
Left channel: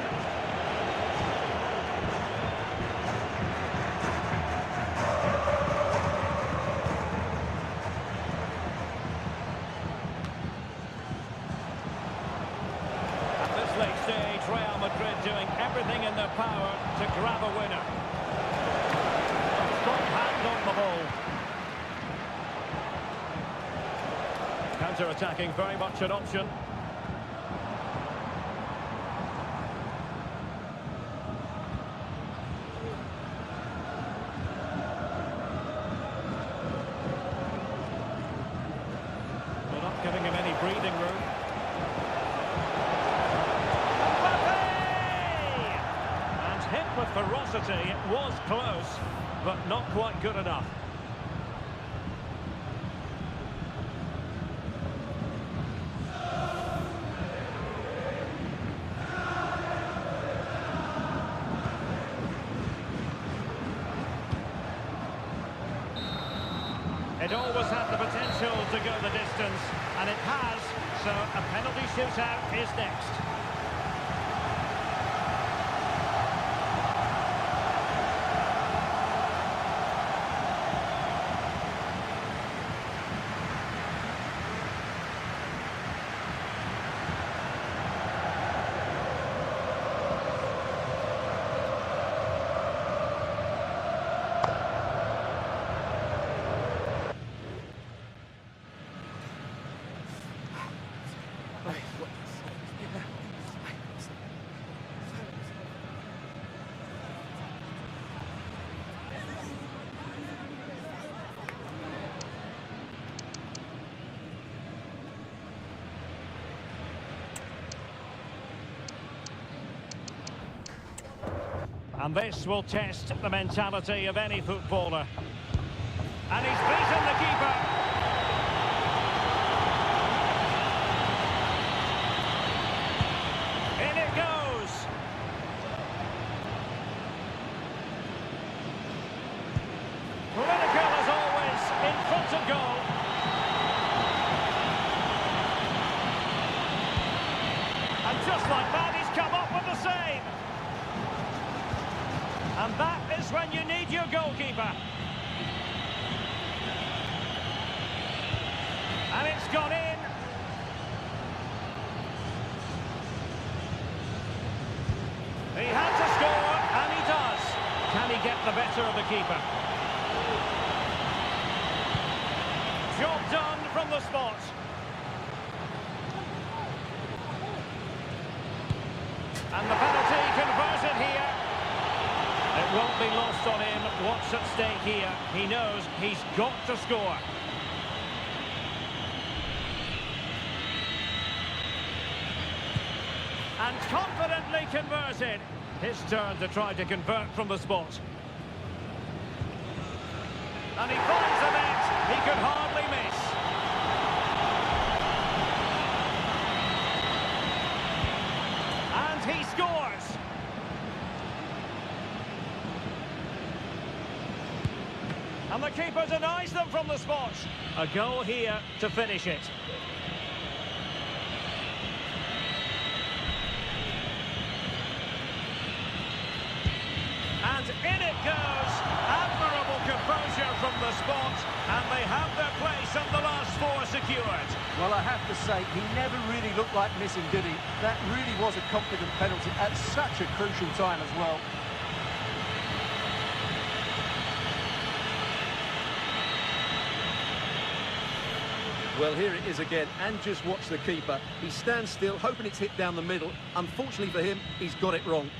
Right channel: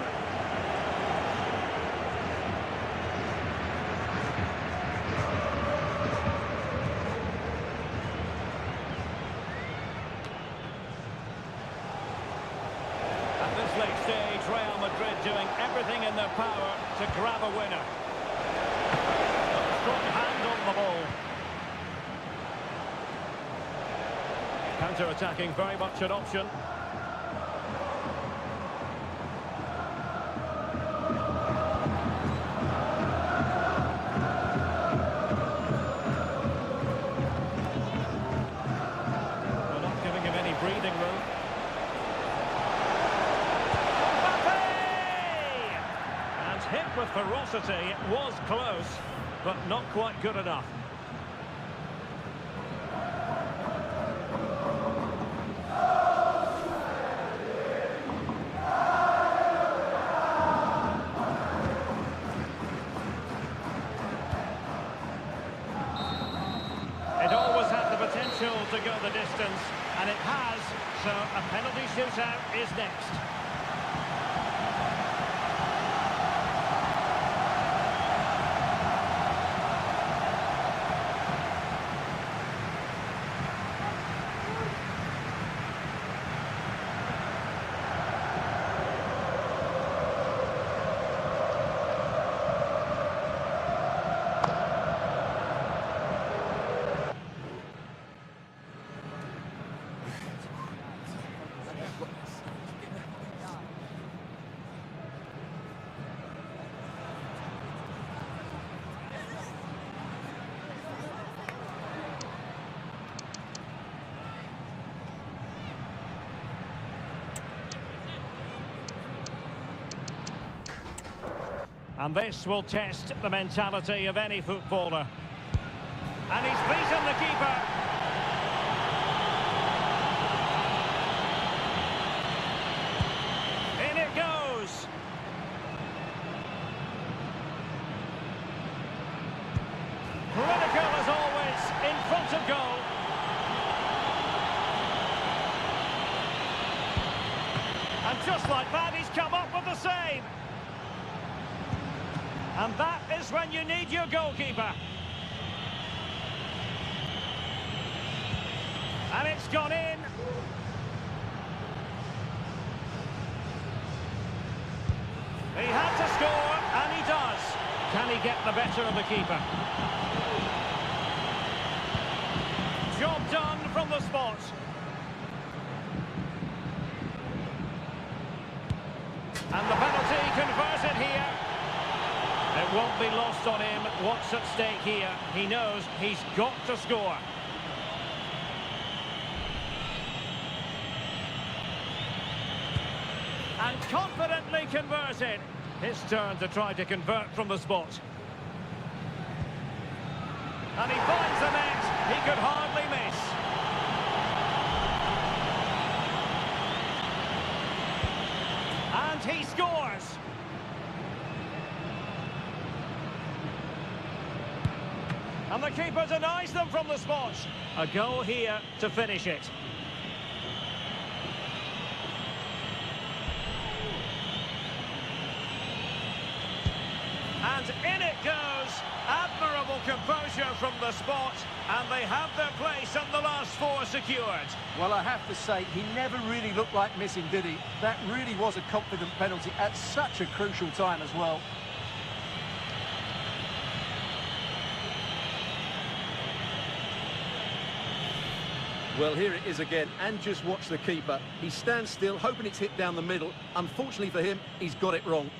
At this late stage, Real Madrid doing everything in their power to grab a winner. Strong hand on the ball. Counter-attacking, very much an option. They're not giving him any breathing room. And hit with ferocity. It was close, but not quite good enough. It always had the potential to go the distance, and it has, so a penalty shootout is next. And this will test the mentality of any footballer. And he's beaten the keeper. In it goes. Critical as always, in front of goal. And just like that, he's come up with the save. And that is when you need your goalkeeper. And it's gone in. He had to score, and he does. Can he get the better of the keeper? Job done from the spot. And the penalty converted here. It won't be lost on him what's at stake here. He knows he's got to score. And confidently converted. His turn to try to convert from the spot. And he finds the net. He could hardly miss. And he scores. And the keeper denies them from the spot. A goal here to finish it. And in it goes. Admirable composure from the spot. And they have their place and the last four secured. Well, I have to say, he never really looked like missing, did he? That really was a confident penalty at such a crucial time as well. Well, here it is again, and just watch the keeper. He stands still, hoping it's hit down the middle. Unfortunately for him, he's got it wrong.